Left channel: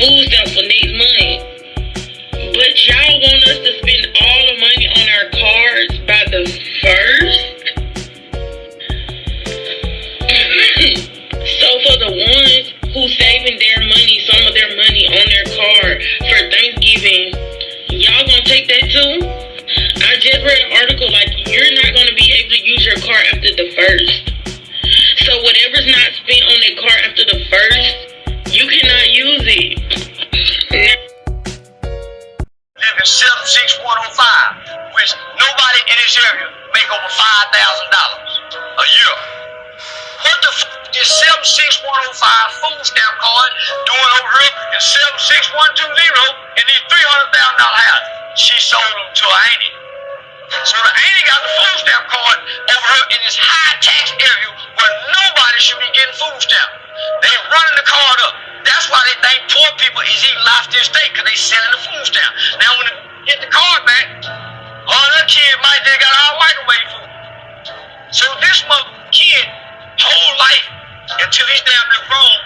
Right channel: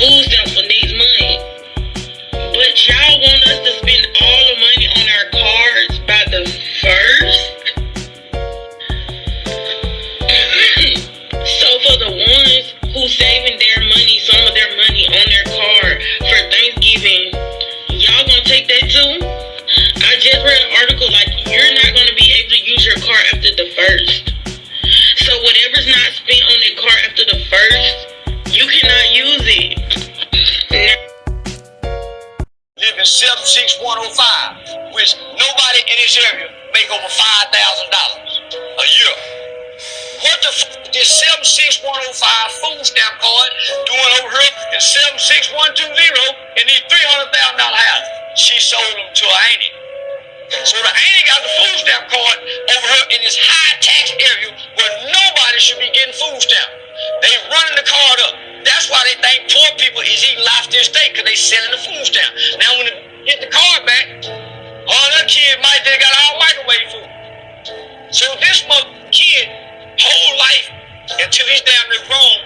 food stamps for next month. But y'all want us to spend all the money on our cards by the 1st? So for the ones who saving their money, some of their money on their card for Thanksgiving, y'all gonna take that too? I just read an article like you're not gonna be able to use your card after the 1st. So whatever's not spent on that card after the 1st, you cannot use it. Live in 76105, which nobody in this area make over $5,000 a year. What the fuck is this 76105 food stamp card doing over here in 76120 in these $300,000 houses? She sold them to her auntie. So the auntie got the food stamp card over here in this high tax area where nobody should be getting food stamp. They running the card up. That's why they think poor people is eating lobster and steak, because they selling the food stamp. Now when they get the card back, all their kids might they got all microwave food. So this kid whole life until he's damn near grown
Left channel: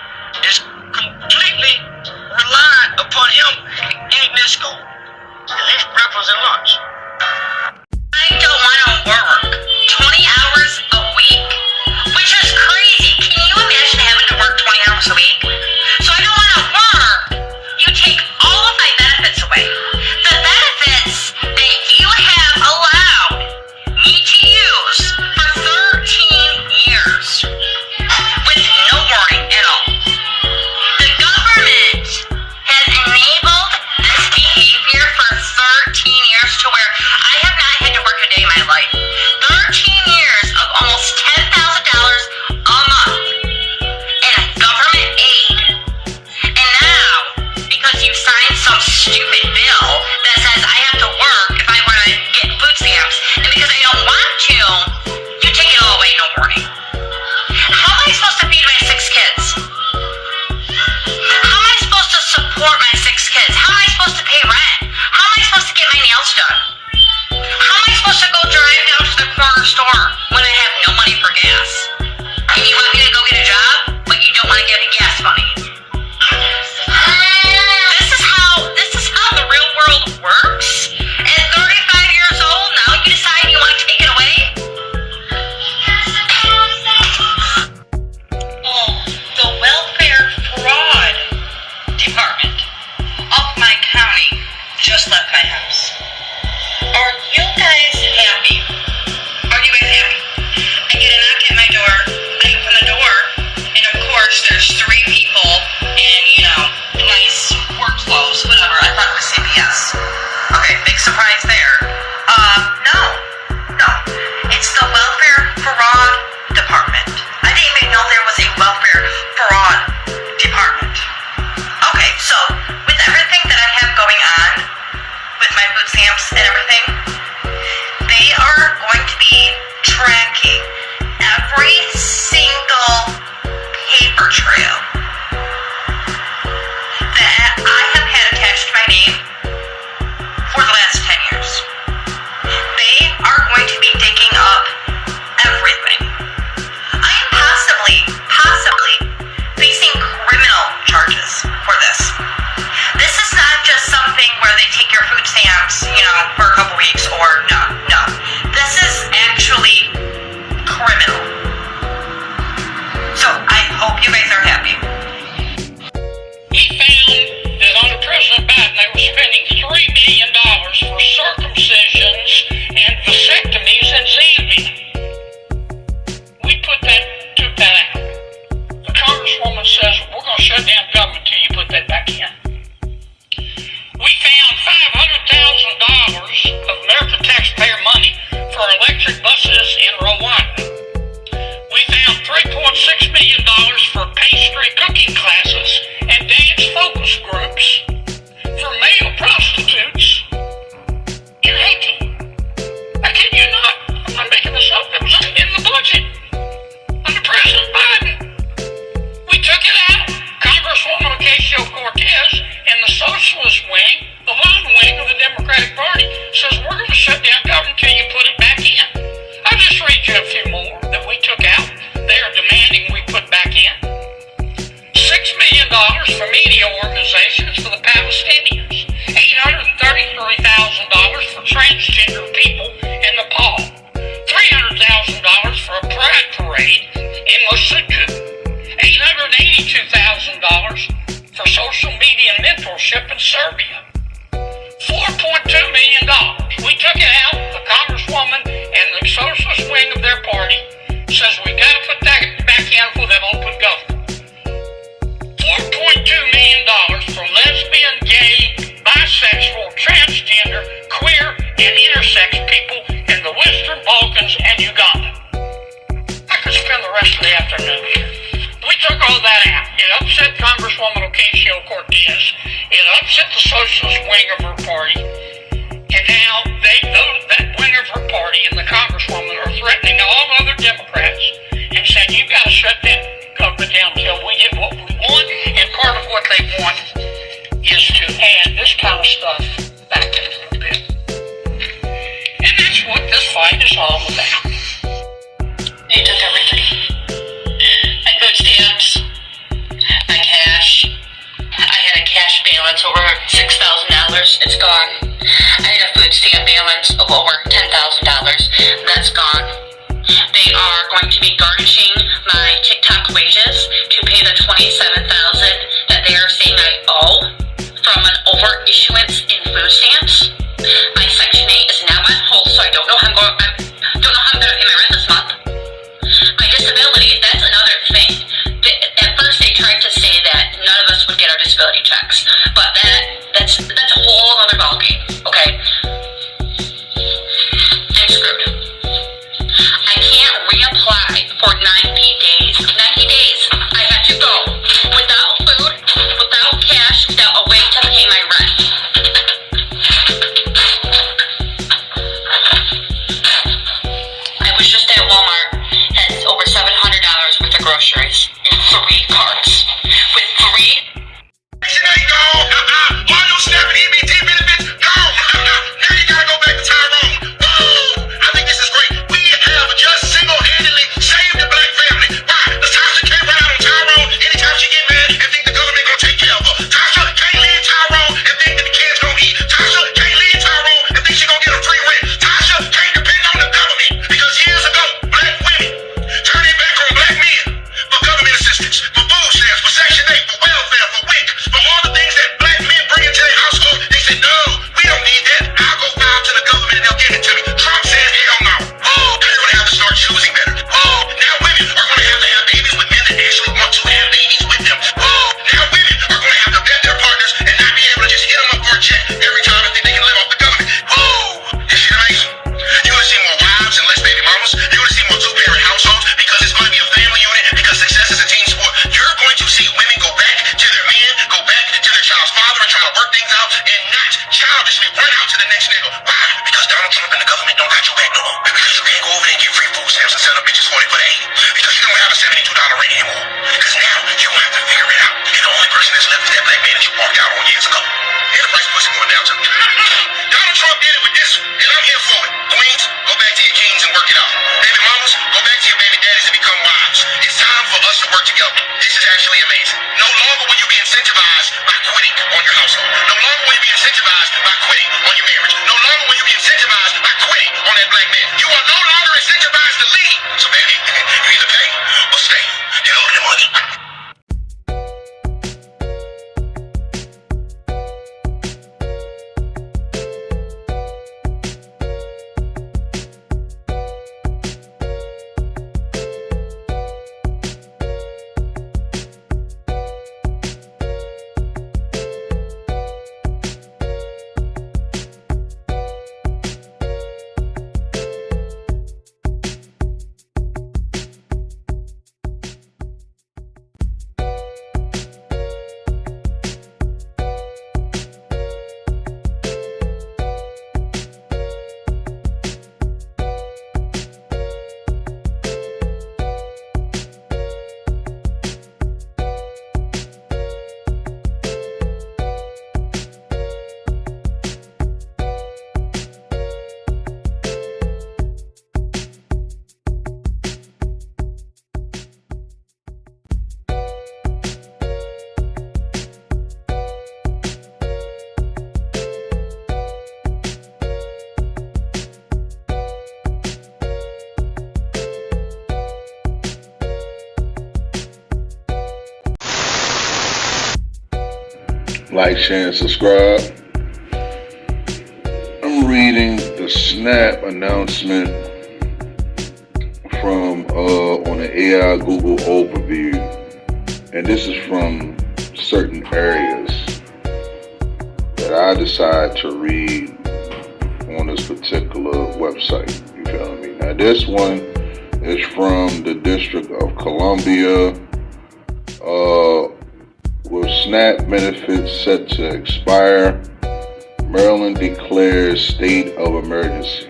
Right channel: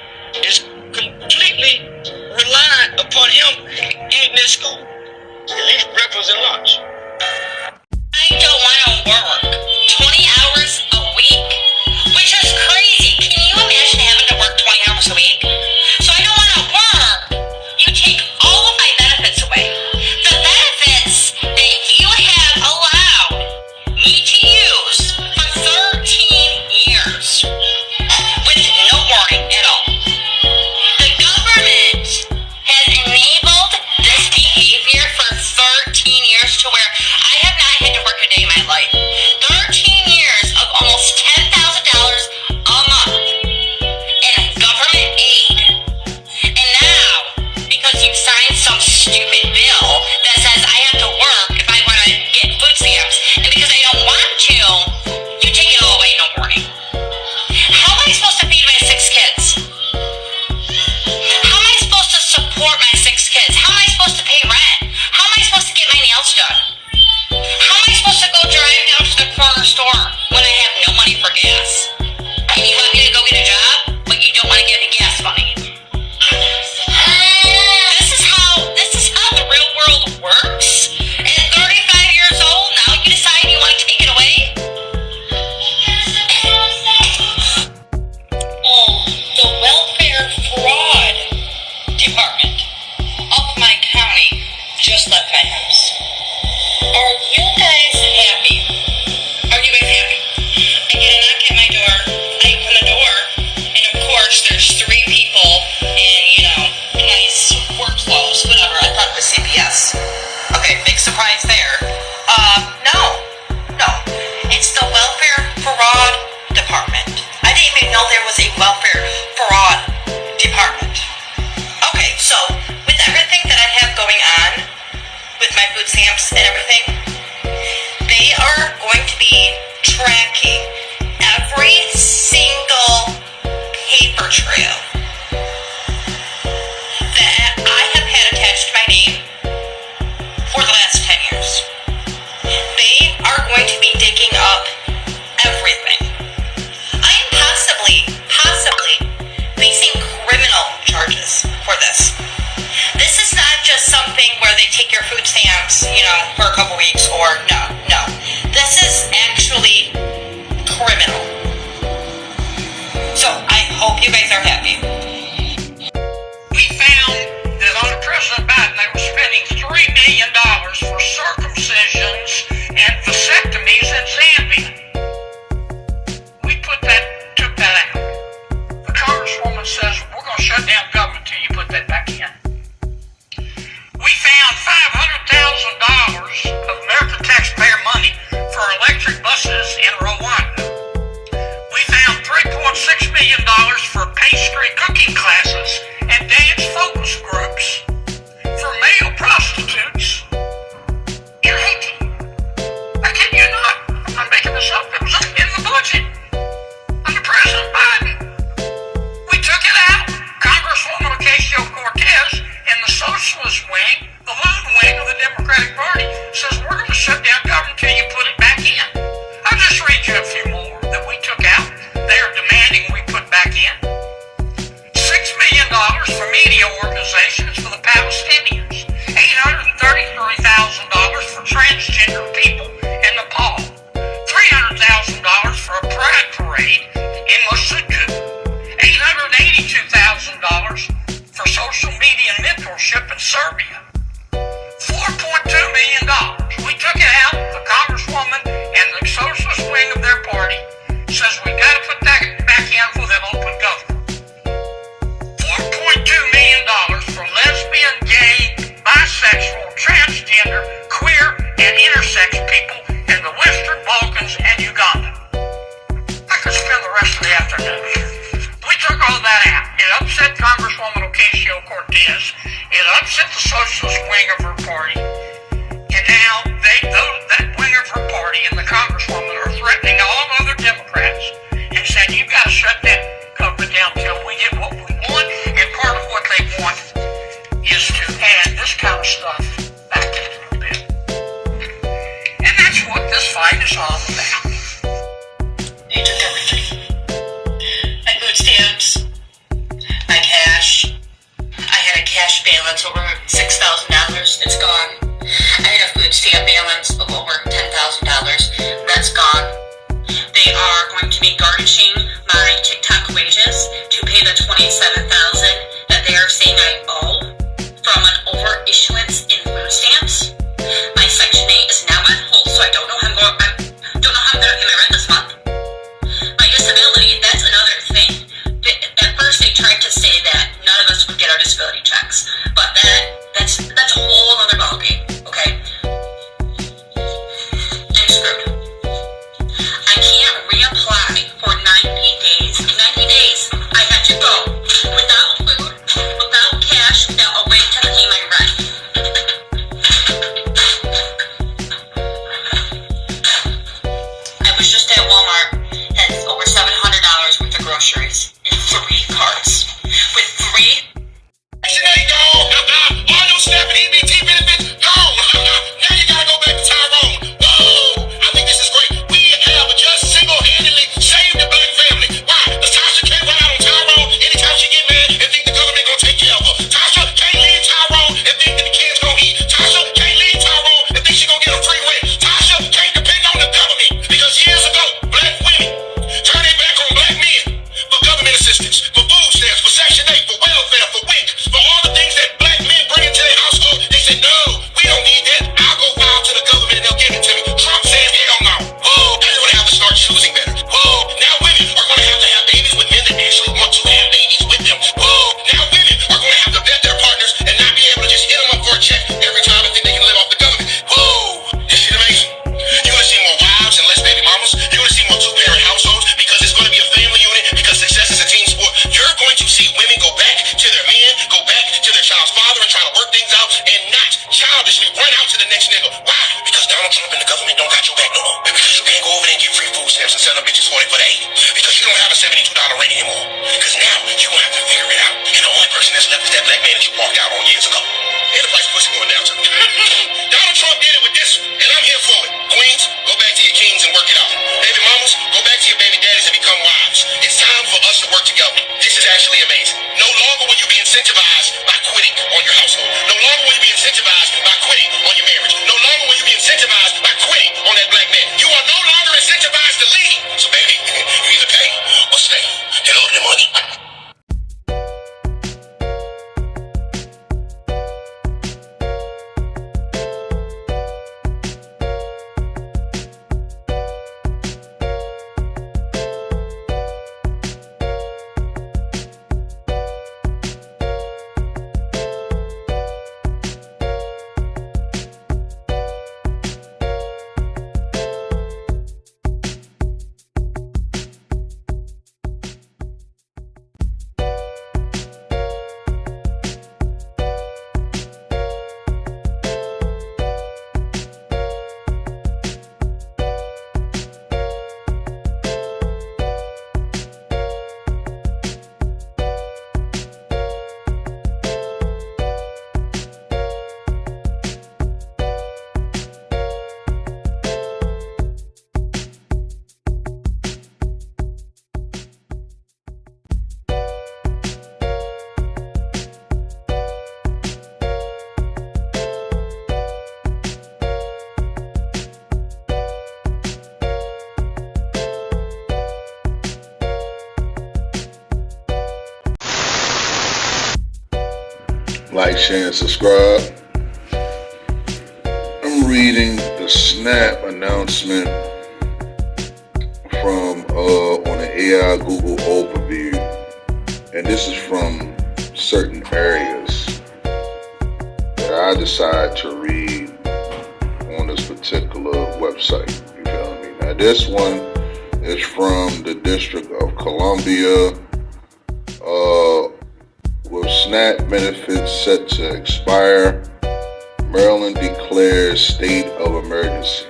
is completely reliant upon him eating in school. At least breakfast and lunch. I don't want to work 20 hours a week, which is crazy. Can you imagine having to work 20 hours a week? So I don't want to work. You take all of my benefits away. The benefits that you have allowed me to use for 13 years with no warning at all. The government has enabled this behavior for 13 years to where socialist wing of her party. And now that wing of her party and the congresswoman are threatening all other Democrats and saying, you've got to shut that government down until we get what we want. And part of what they want is to add this kind of stuff back into the bill. And that's what this fight is all about. They took everything. My food stamps, my cash. I had a cash balance over $6,000. It's gone. I had a food stamp balance of over $10,000. That's gone. They are going to be garnishing my TikTok wages to pay the $27,000 that they are saying I owe from an over-issuance in food stamps. My Section 8 is now on hold, so I don't know how I'm going to pay my rent this month. My disability, that's another thing. At first they tried to say that none of us would get our disability checks, but that's a whole other ballgame, okay? I'm screwed. I can't reapply for 90 days. 90 days. I have to go without food, without cash, without a way to pay my rent. I was just at Walmart, had over $700 worth of groceries in 3 carts. With 3 Section 8 gone. All your snapping EBT benefits gone. Now you gotta go back to Tyrone. Woo! I think this is great. We have just single-handedly saved the black family. Why? Because Tasha can't ride on Tyrone anytime she get mad and think the government gonna take care of her. Tasha can't leave Tyrone and think that the kids gonna eat. Tasha can't leave Tyrone and think she gonna get a free rent. Tasha can't depend on the government because years ago, black women turned their back on black men for government assistance, for food stamps, for Section 8, for welfare, for WIC, for all the things that black men bring into their household. They said, no, we don't need that. I'll go file to the government and they'll give it to me. Trump said, hell no. Woo! Now they're gonna have to start choosing better. Woo! Now women are gonna have to have babies with men that actually want to have babies with them. Woo! Now women are gonna have to vet their partners and not be able to just hit them up for a check every time and think they can live off the government. Woo! This shit amazing. You're gonna see more wives and less baby mamas. You're gonna see more two-parent households because it's gonna be a family unit, because success is a team sport. You're going to see women go back to their men, go back to their child's father and try to work things out and not childishly run out to the next nigga. Why? Because Donald Trump and the government don't got your back no more. Because you can't go over there and get free food stamps and sell them bitches 20 for the 80. Because you don't have a $72 rent anymore. Because now you're gonna have to figure it out. And the only person that's left is that black man that you walked out on years ago. And the price of pussy going down too. Donald Trump did it with this one, and I'm here for it. Queens, go back to your kings and work it out. Baby mamas, go back to your baby daddies and become wives. It's time for us to work together. This is actually amazing. No longer will you be incentivized by quitting on your household. No longer will you be incentivized by quitting on your marriage. No longer will you be incentivized by quitting on that black man. You are no longer incentivized to leave. So baby, you either pay or stay and owe the money. Like, share, and subscribe. I'm reading the Snap announcement from on the AI Google overview, and this is from certain areas that I decide to read on this particular website. You feel me? Now this one is from the District of Columbia, with SNAP benefits set to expire. Maryland declares state of emergency.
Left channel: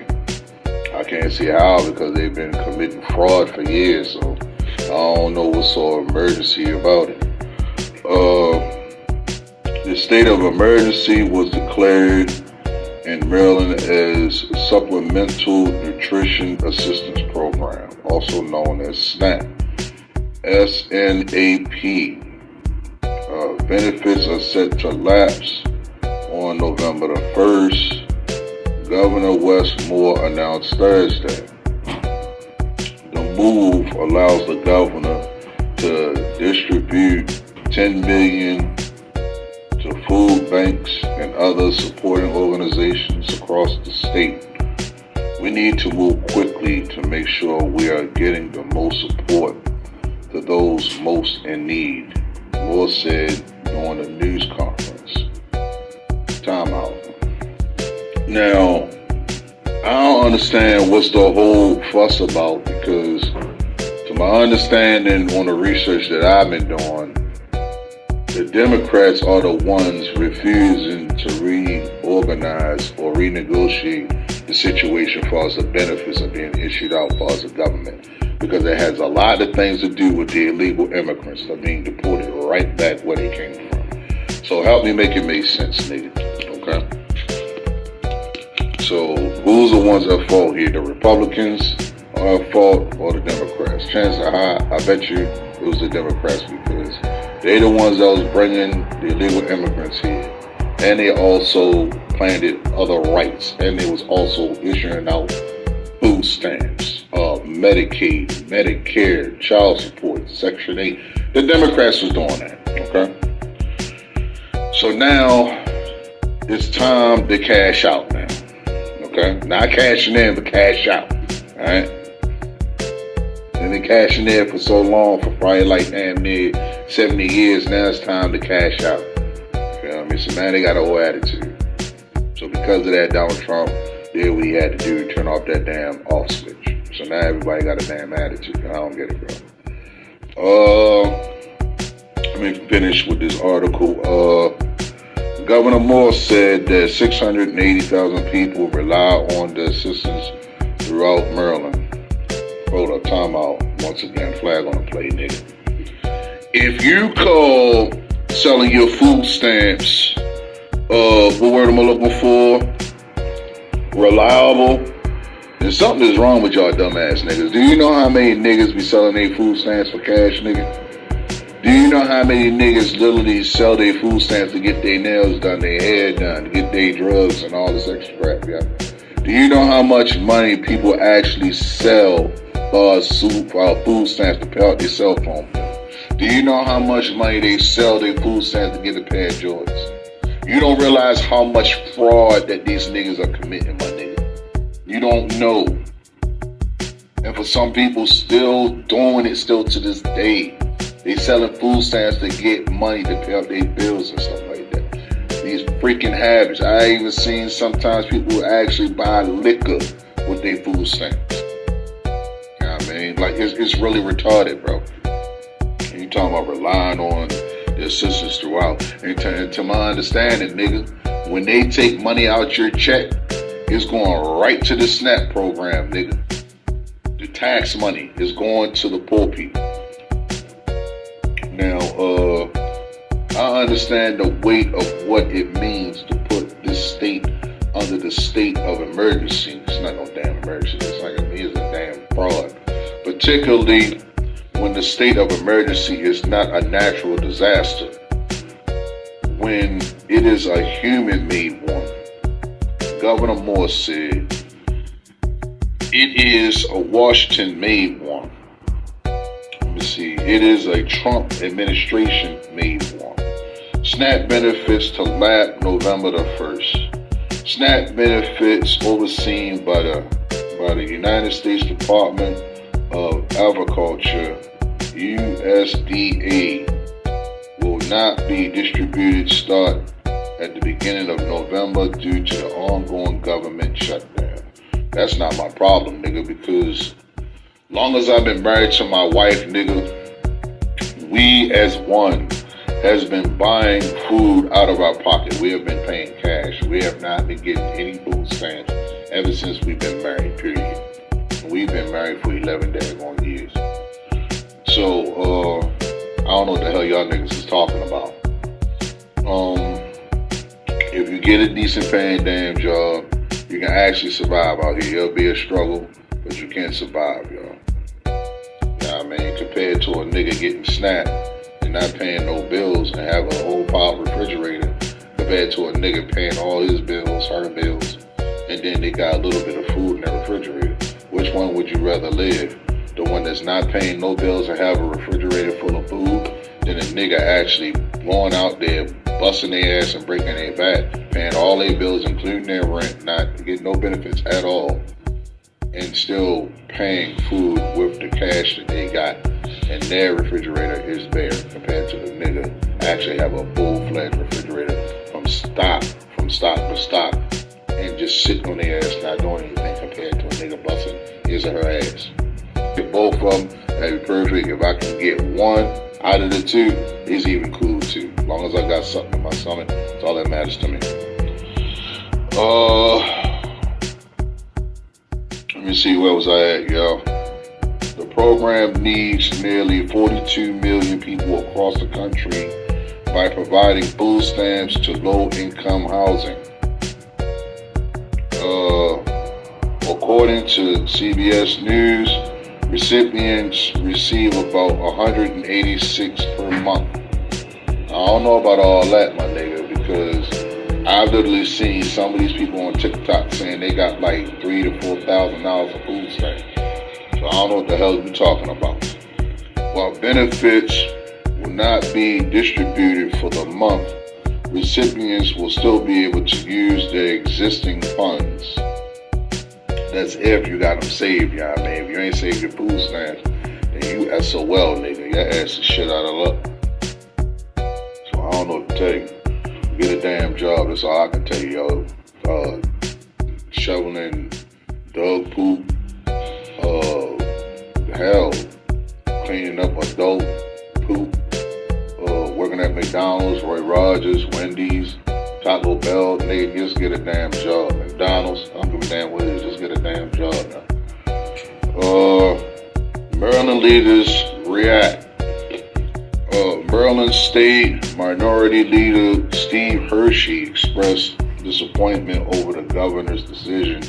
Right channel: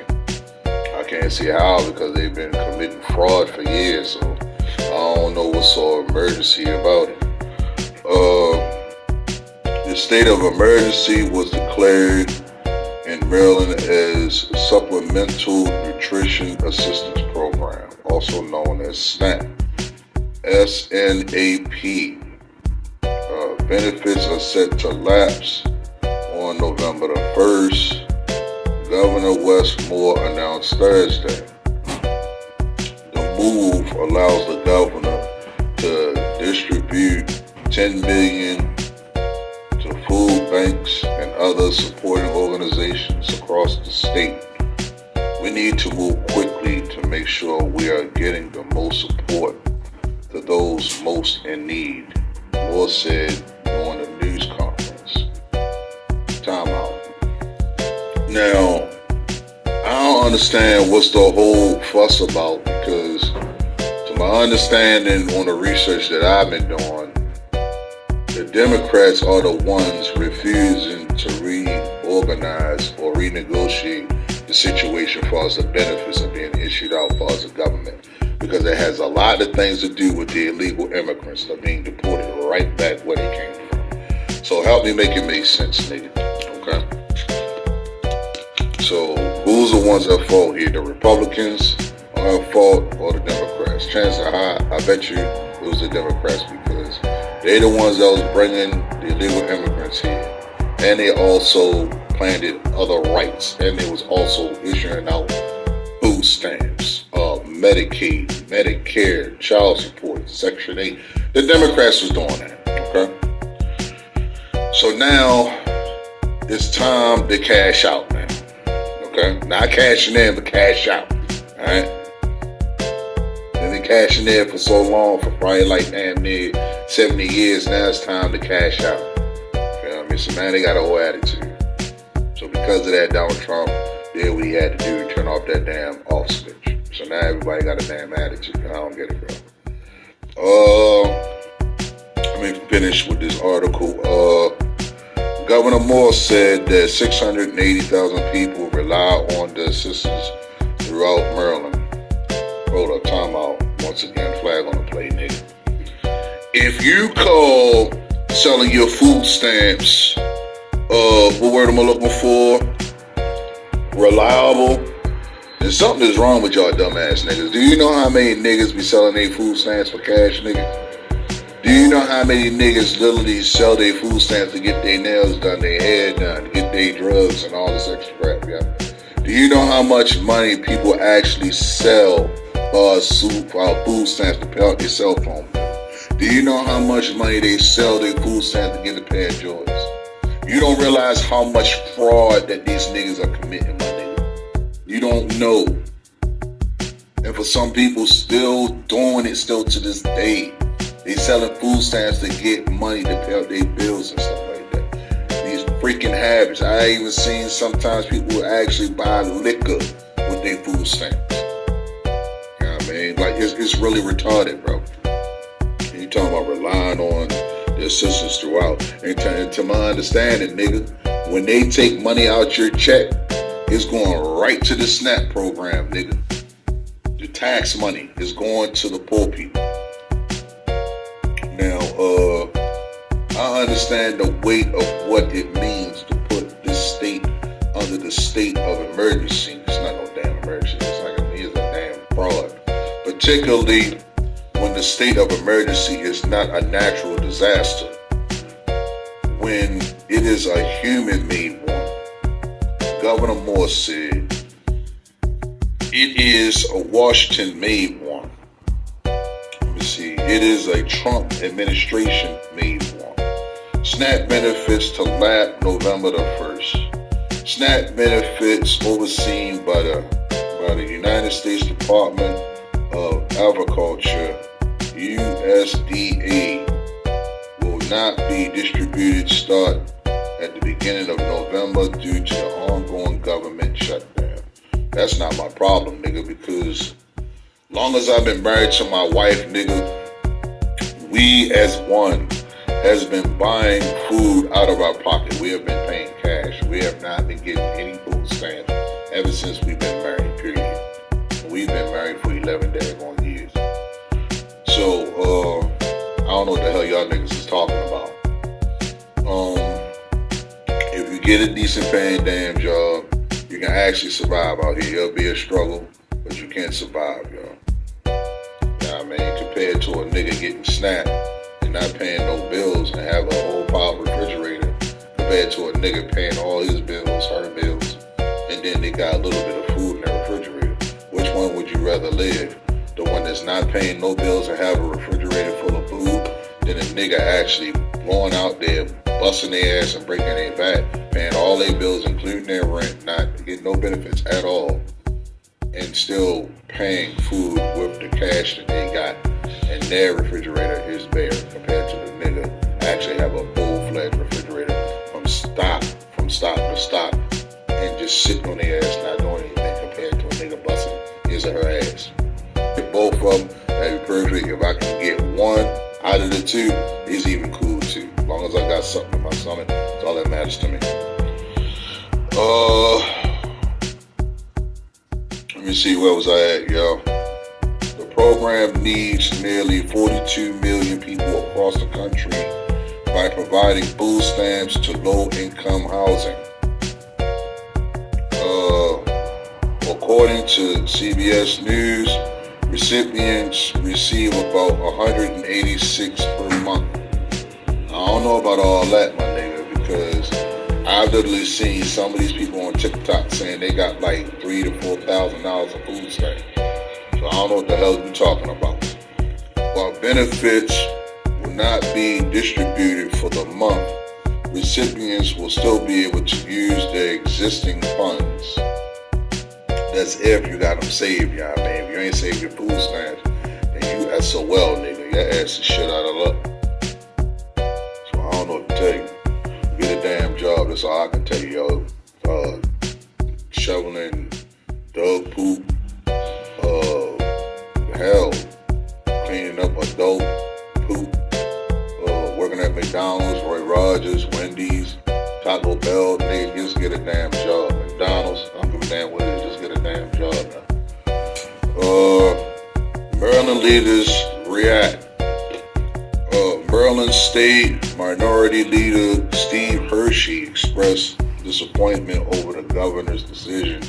I can't see how because they've been committing fraud for years, so I don't know what's so emergency about it. The state of emergency was declared in Maryland as Supplemental Nutrition Assistance Program, also known as SNAP. SNAP. Benefits are set to lapse on November the 1st. Governor Wes Moore announced Thursday. The move allows the governor to distribute $10 million to food banks and other supporting organizations across the state. We need to move quickly to make sure we are getting the most support to those most in need, Moore said during a news conference. Time out. Now, I don't understand what's the whole fuss about because to my understanding on the research that I've been doing, the Democrats are the ones refusing to reorganize or renegotiate the situation as far as the benefits are being issued out as far as the government, because it has a lot of things to do with the illegal immigrants that are being deported right back where they came from. So help me make it make sense, nigga. Okay? So who's the ones at fault here? The Republicans are at fault or the Democrats? Chances are high, I bet you it was the Democrats because they're the ones that was bringing the illegal immigrants here. And they also planted other rights. And they was also issuing out food stamps, Medicaid, Medicare, child support, Section 8. The Democrats was doing that, okay? So now it's time to cash out now, okay? Not cashing in, but cash out, all right? They've been cashing in for so long, for probably like damn near 70 years. Now it's time to cash out. You know what I mean? So now they got a whole attitude. So because of that, Donald Trump did what he had to do, turn off that damn off switch. So now everybody got a damn attitude. I don't get it, bro. Let me finish with this article. Governor Moore said that 680,000 people rely on the assistance throughout Maryland. Hold up, time out. Once again, flag on the play, nigga. If you call selling your food stamps, what word am I looking for? Reliable, then something is wrong with y'all dumbass niggas. Do you know how many niggas be selling their food stamps for cash, nigga? Do you know how many niggas literally sell their food stamps to get their nails done, their hair done, to get their drugs and all this extra crap, yeah? Do you know how much money people actually sell food stamps to pay out their cell phone bill? Do you know how much money they sell their food stamps to get a pair of Jordans? You don't realize how much fraud that these niggas are committing, my nigga. You don't know. And for some people still doing it still to this day. They selling food stamps to get money to pay out their bills and stuff like that. These freaking habits. I even seen sometimes people actually buy liquor with their food stamps. You know what I mean? Like, it's really retarded, bro. And you talking about relying on the assistance throughout. And to my understanding, nigga, when they take money out your check, it's going right to the SNAP program, nigga. The tax money is going to the poor people. Now, I understand the weight of what it means to put this state under the state of emergency. It's not no damn emergency. It's like it's a damn fraud. Particularly when the state of emergency is not a natural disaster. When it is a human-made one. Governor Moore said, it is a Washington-made one. Let me see. It is a Trump administration-made one. SNAP benefits to lap November the 1st. SNAP benefits overseen by the United States Department of Agriculture, USDA, will not be distributed start at the beginning of November due to the ongoing government shutdown. That's not my problem, nigga, because long as I've been married to my wife, nigga, we as one has been buying food out of our pocket. We have been paying cash. We have not been getting any food stamps ever since we've been married, period. We've been married for 11 daggone years. So, I don't know what the hell y'all niggas is talking about. If you get a decent paying damn job, you can actually survive out here. It'll be a struggle, but you can survive, y'all. I mean, compared to a nigga getting snapped and not paying no bills and have a whole pile refrigerator, compared to a nigga paying all his bills, her bills, and then they got a little bit of food in their refrigerator. Which one would you rather live? The one that's not paying no bills and have a refrigerator full of food, than a nigga actually going out there, busting their ass and breaking their back, paying all their bills, including their rent, not getting no benefits at all, and still paying food with the cash that they got, and their refrigerator is bare compared to the nigga actually have a full-fledged refrigerator from stock to stock, and just sitting on their ass not doing anything compared to a nigga busting his or her ass. If both of them, that'd be perfect. If I can get one out of the two, it's even cool too. As long as I got something in my stomach, that's all that matters to me. Let me see, where was I at, y'all? The program needs nearly 42 million people across the country by providing food stamps to low-income housing. According to CBS News, recipients receive about 186 per month. I don't know about all that, my nigga, because I've literally seen some of these people on TikTok saying they got like $3,000 to $4,000 of food stamps. So I don't know what the hell you're talking about. While benefits will not be distributed for the month, recipients will still be able to use their existing funds. That's if you got them saved, y'all. I mean, if you ain't saved your food stamps, then you SOL, nigga. Your ass is shit out of luck. So I don't know what to tell you. Get a damn job. That's all I can tell you, yo. Shoveling dog poop. Hell, cleaning up adult poop. Working at McDonald's, Roy Rogers, Wendy's, Taco Bell. Nigga, just get a damn job. McDonald's, I don't give a damn what it is. Just get a damn job now. Maryland leaders react. Maryland State Minority Leader Steve Hershey expressed disappointment over the governor's decision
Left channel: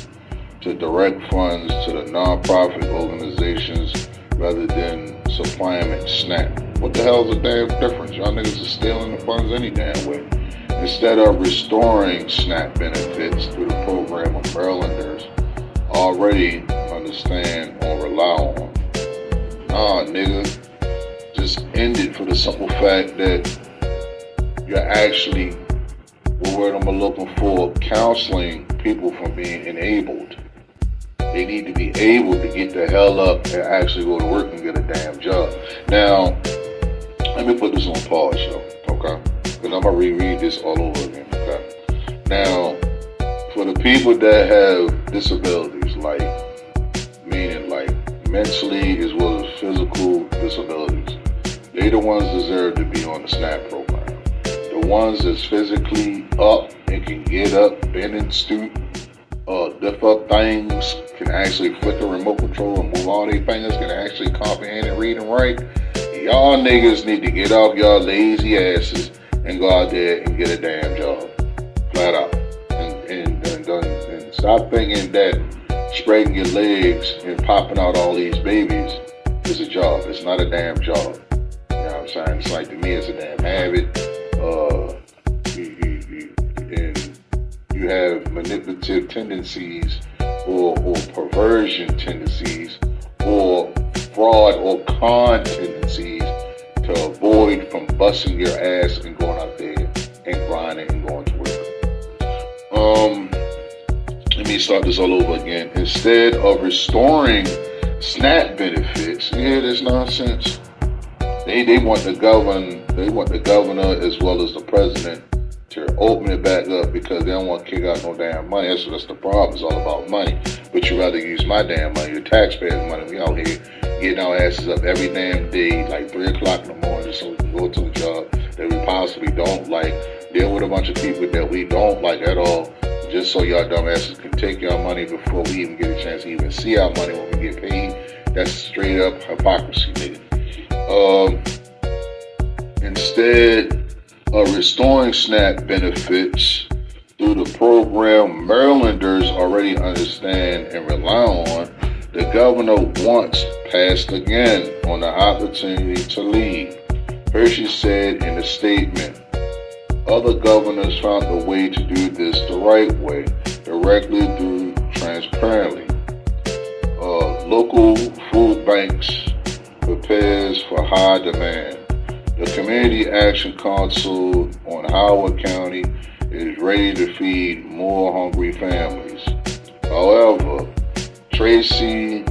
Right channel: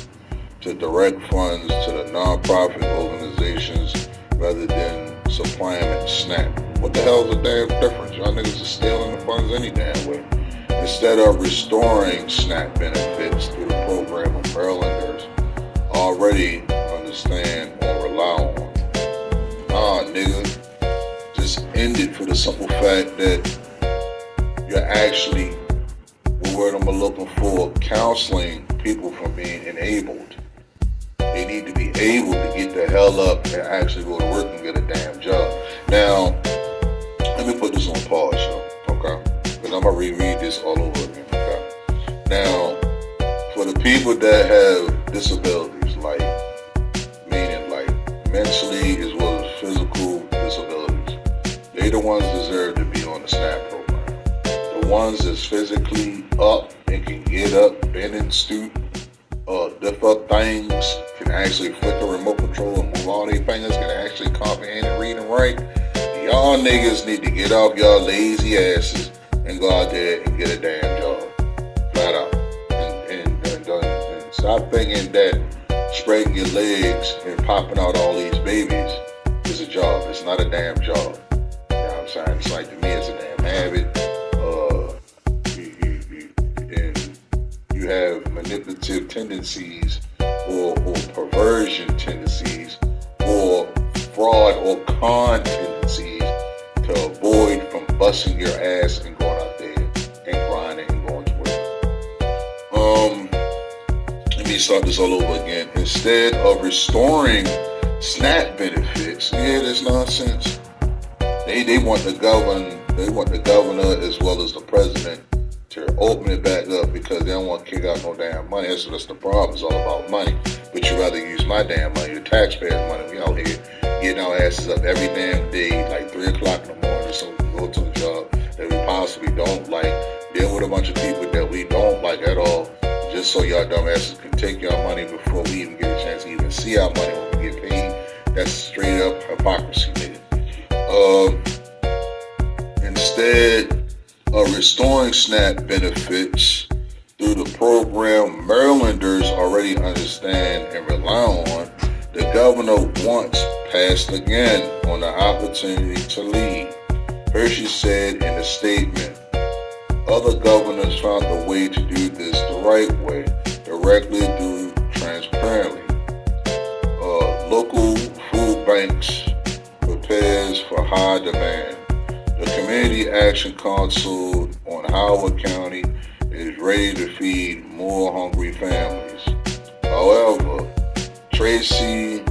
to direct funds to the nonprofit organizations rather than supplying them SNAP. What the hell is the damn difference? Y'all niggas are stealing the funds any damn way. Instead of restoring SNAP benefits through the program of Marylanders already understand or rely on. Nigga, just end it for the simple fact that you're actually, what word I'm looking for, counseling people from being enabled. They need to be able to get the hell up and actually go to work and get a damn job. Now, let me put this on pause, yo, okay? Because I'm going to reread this all over again, okay? Now, for the people that have disabilities, meaning mentally as well as physical disabilities, they the ones deserve to be on the SNAP program. The ones that's physically up and can get up, bend and stoop, lift up things, can actually flick a remote control and move all their fingers, can actually comprehend and read and write. Y'all niggas need to get off y'all lazy asses and go out there and get a damn job. Flat out. And stop thinking that spreading your legs and popping out all these babies is a job. It's not a damn job. You know what I'm saying? It's like, to me, it's a damn habit. And you have manipulative tendencies or perversion tendencies or fraud or con tendencies to avoid from busting your ass and going out there and grinding and going to work. Let me start this all over again. Instead of restoring SNAP benefits, yeah, that's nonsense. They want the governor as well as the president to open it back up because they don't want to kick out no damn money. That's the problem. It's all about money. But you rather use my damn money, the taxpayers' money. We out here getting our asses up every damn day, like 3 o'clock in the morning, so we can go to the job, that we possibly don't like, deal with a bunch of people that we don't like at all, just so y'all dumbasses can take your money before we even get a chance to even see our money when we get paid. That's straight up hypocrisy, nigga. Instead of restoring SNAP benefits through the program Marylanders already understand and rely on, the governor once passed again on the opportunity to lead. Hershey said in a statement, other governors found a way to do this the right way, directly through transparently. Local food banks prepares for high demand. The Community Action Council on Howard County is ready to feed more hungry families. However, Tracy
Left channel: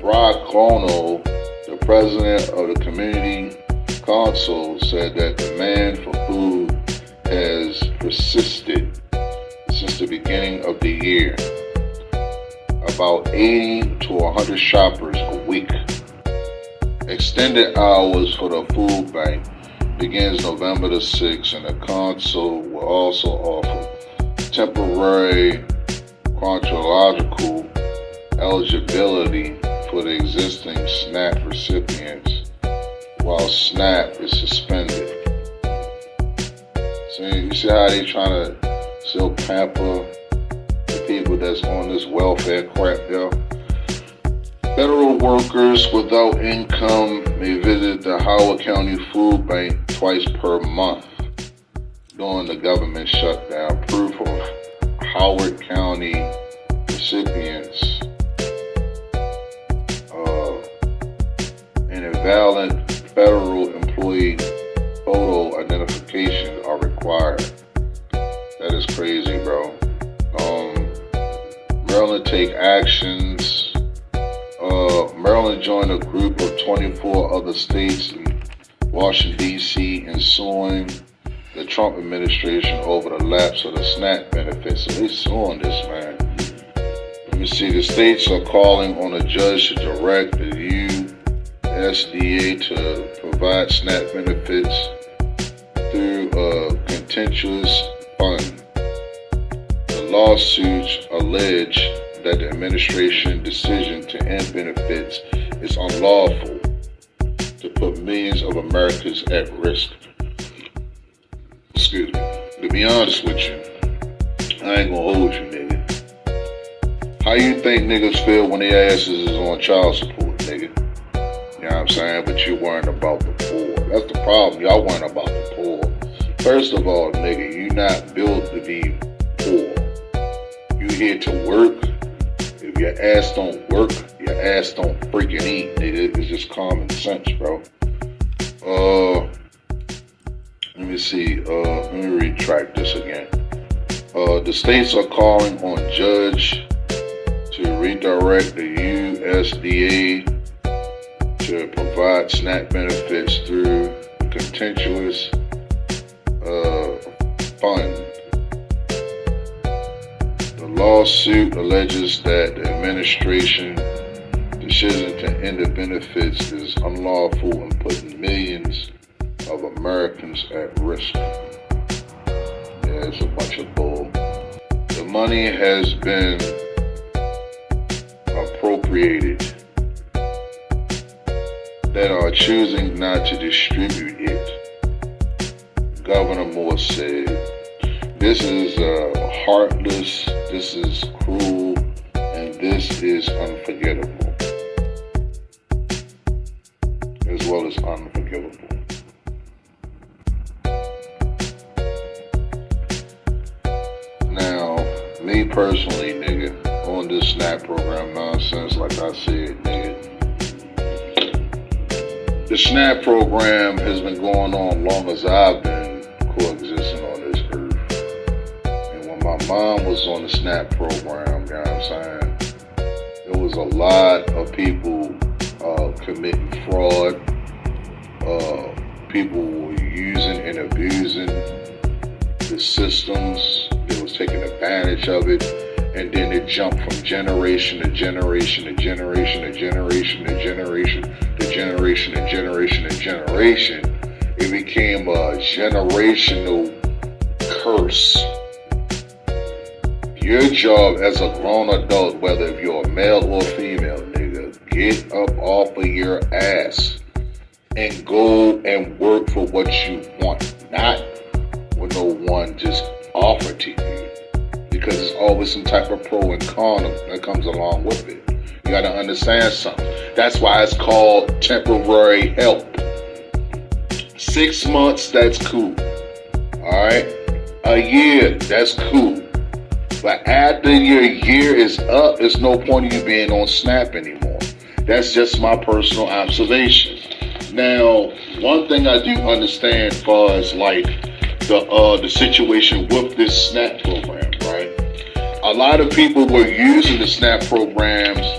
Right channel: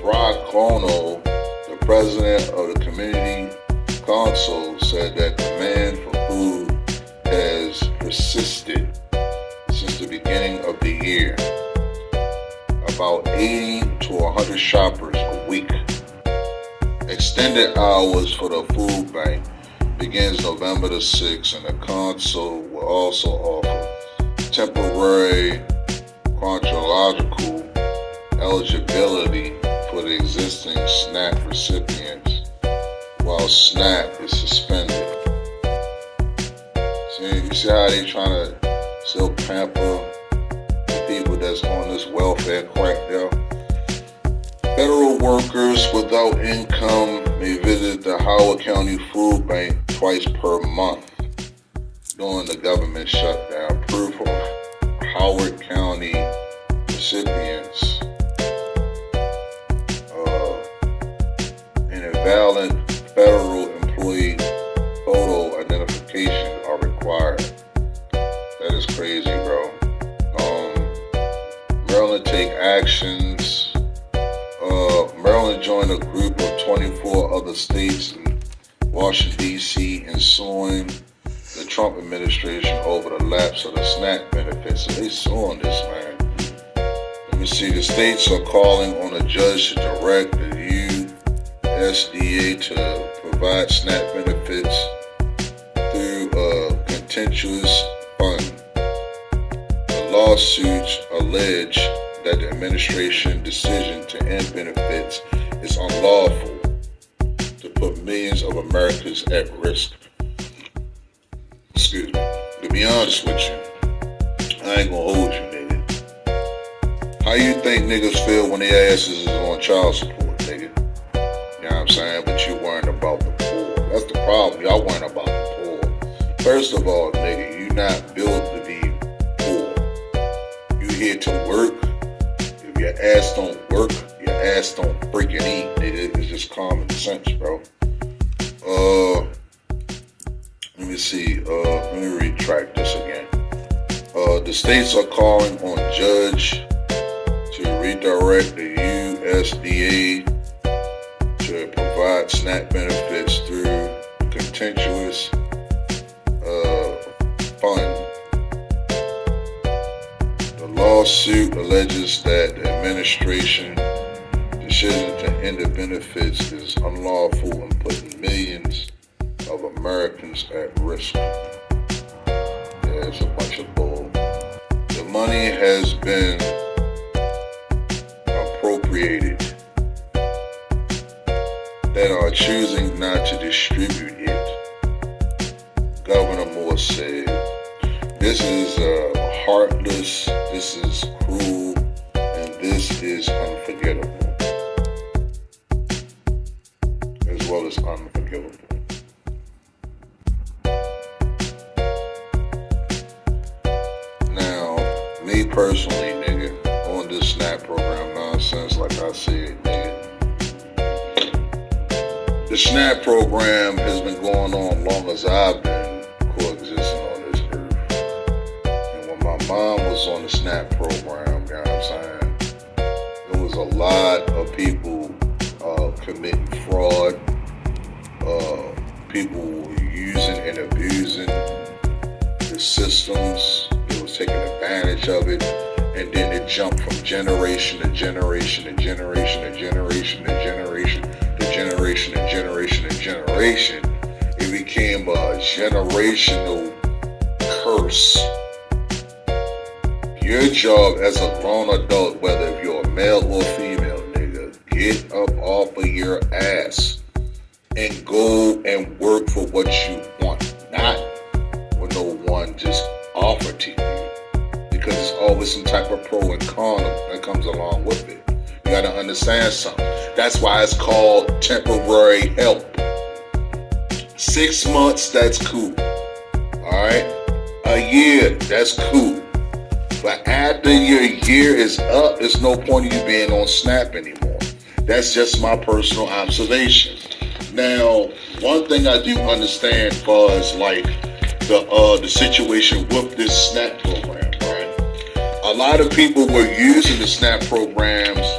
Braccono, the president of the Community Council, said that demand for food has persisted since the beginning of the year. About 80 to 100 shoppers a week. Extended hours for the food bank begins November the 6th, and the council will also offer temporary chronological eligibility for the existing SNAP recipients while SNAP is suspended. So you see how they trying to still pamper the people that's on this welfare crap, yo? Federal workers without income may visit the Howard County Food Bank twice per month during the government shutdown. Proof of Howard County recipients and invalid federal employee photo identification are required. That is crazy, bro. Maryland take actions. Maryland joined a group of 24 other states in Washington, D.C. in suing the Trump administration over the lapse of the SNAP benefits. So they suing this, man. Let me see. The states are calling on a judge to direct the USDA to provide SNAP benefits through a contentious fund. The lawsuits allege that the administration's decision to end benefits is unlawful to put millions of Americans at risk. Excuse me. To be honest with you, I ain't gonna hold you, nigga. How you think niggas feel when their asses is on child support, nigga? You know what I'm saying? But you worrying about the poor. That's the problem. Y'all worrying about the poor. First of all, nigga, you not built to be poor. You here to work. If your ass don't work, your ass don't freaking eat, nigga. It's just common sense, bro. Let me see. Let me retract this again. The states are calling on judge to redirect the USDA to provide SNAP benefits through a contentious fund. The lawsuit alleges that the administration's decision to end the benefits is unlawful and putting millions of Americans at risk. Yeah, it's a bunch of bull. The money has been appropriated that are choosing not to distribute it. Governor Moore said, this is heartless, this is cruel, and this is unforgettable. As well as unforgivable. Now, me personally, nigga, on this SNAP program nonsense, like I said, nigga, the SNAP program has been going on long as I've been coexisting on this earth. And when my mom was on the SNAP program, you know what I'm saying, there was a lot of people committing fraud. People were using and abusing the systems. They was taking advantage of it. And then it jumped from generation to generation to generation to generation to generation to generation to generation to generation It became a generational curse. Your job as a grown adult, whether if you're a male or female, nigga, get up off of your ass and go and work for what you want, not what no one just offered to you. Because there's always some type of pro and con that comes along with it. You gotta understand something. That's why it's called temporary help. 6 months, that's cool. Alright? A year, that's cool. But after your year is up, there's no point in you being on Snap anymore. That's just my personal observation. Now, one thing I do understand as far as like the situation with this SNAP program, right? A lot of people were using the SNAP programs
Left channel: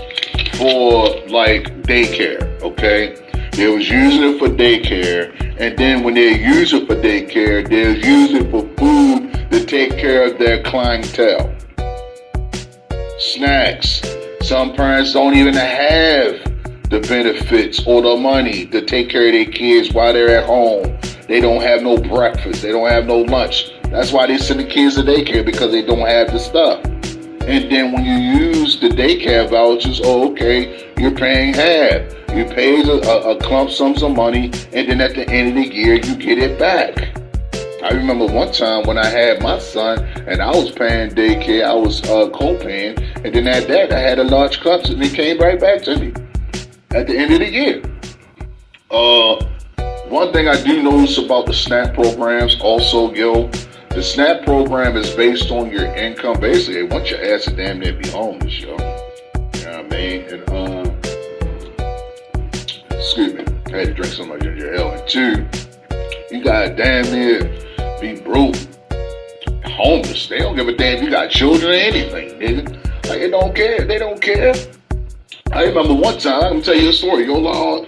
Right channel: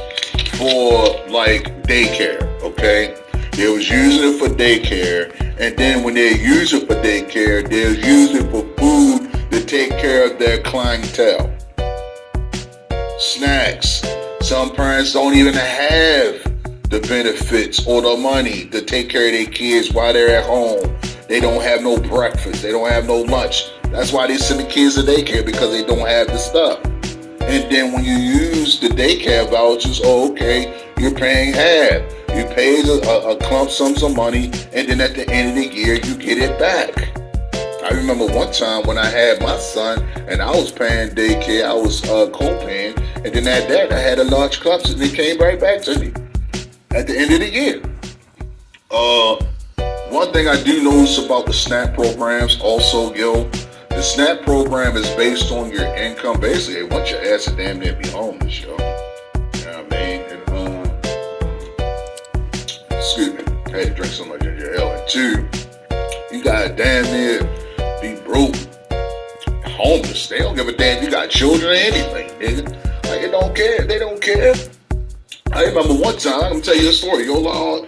for like daycare, okay? They was using it for daycare, and then when they use it for daycare, they'll use it for food to take care of their clientele. Snacks. Some parents don't even have the benefits or the money to take care of their kids while they're at home. They don't have no breakfast. They don't have no lunch. That's why they send the kids to daycare, because they don't have the stuff. And then when you use the daycare vouchers, okay, you're paying half. You pay a clump sum of money, and then at the end of the year, you get it back. I remember one time when I had my son, and I was paying daycare, I was co-paying, and then at that, I had a large clump, and it came right back to me at the end of the year. One thing I do notice about the SNAP programs also, the SNAP program is based on your income. Basically, they want your ass to damn near be homeless, yo. You know what I mean? And, excuse me, I had to drink so much ginger ale. And two, you gotta damn near be broke, homeless. They don't give a damn if you got children or anything, nigga. Like, they don't care. They don't care. I remember one time, I'm gonna tell you a story, yo, no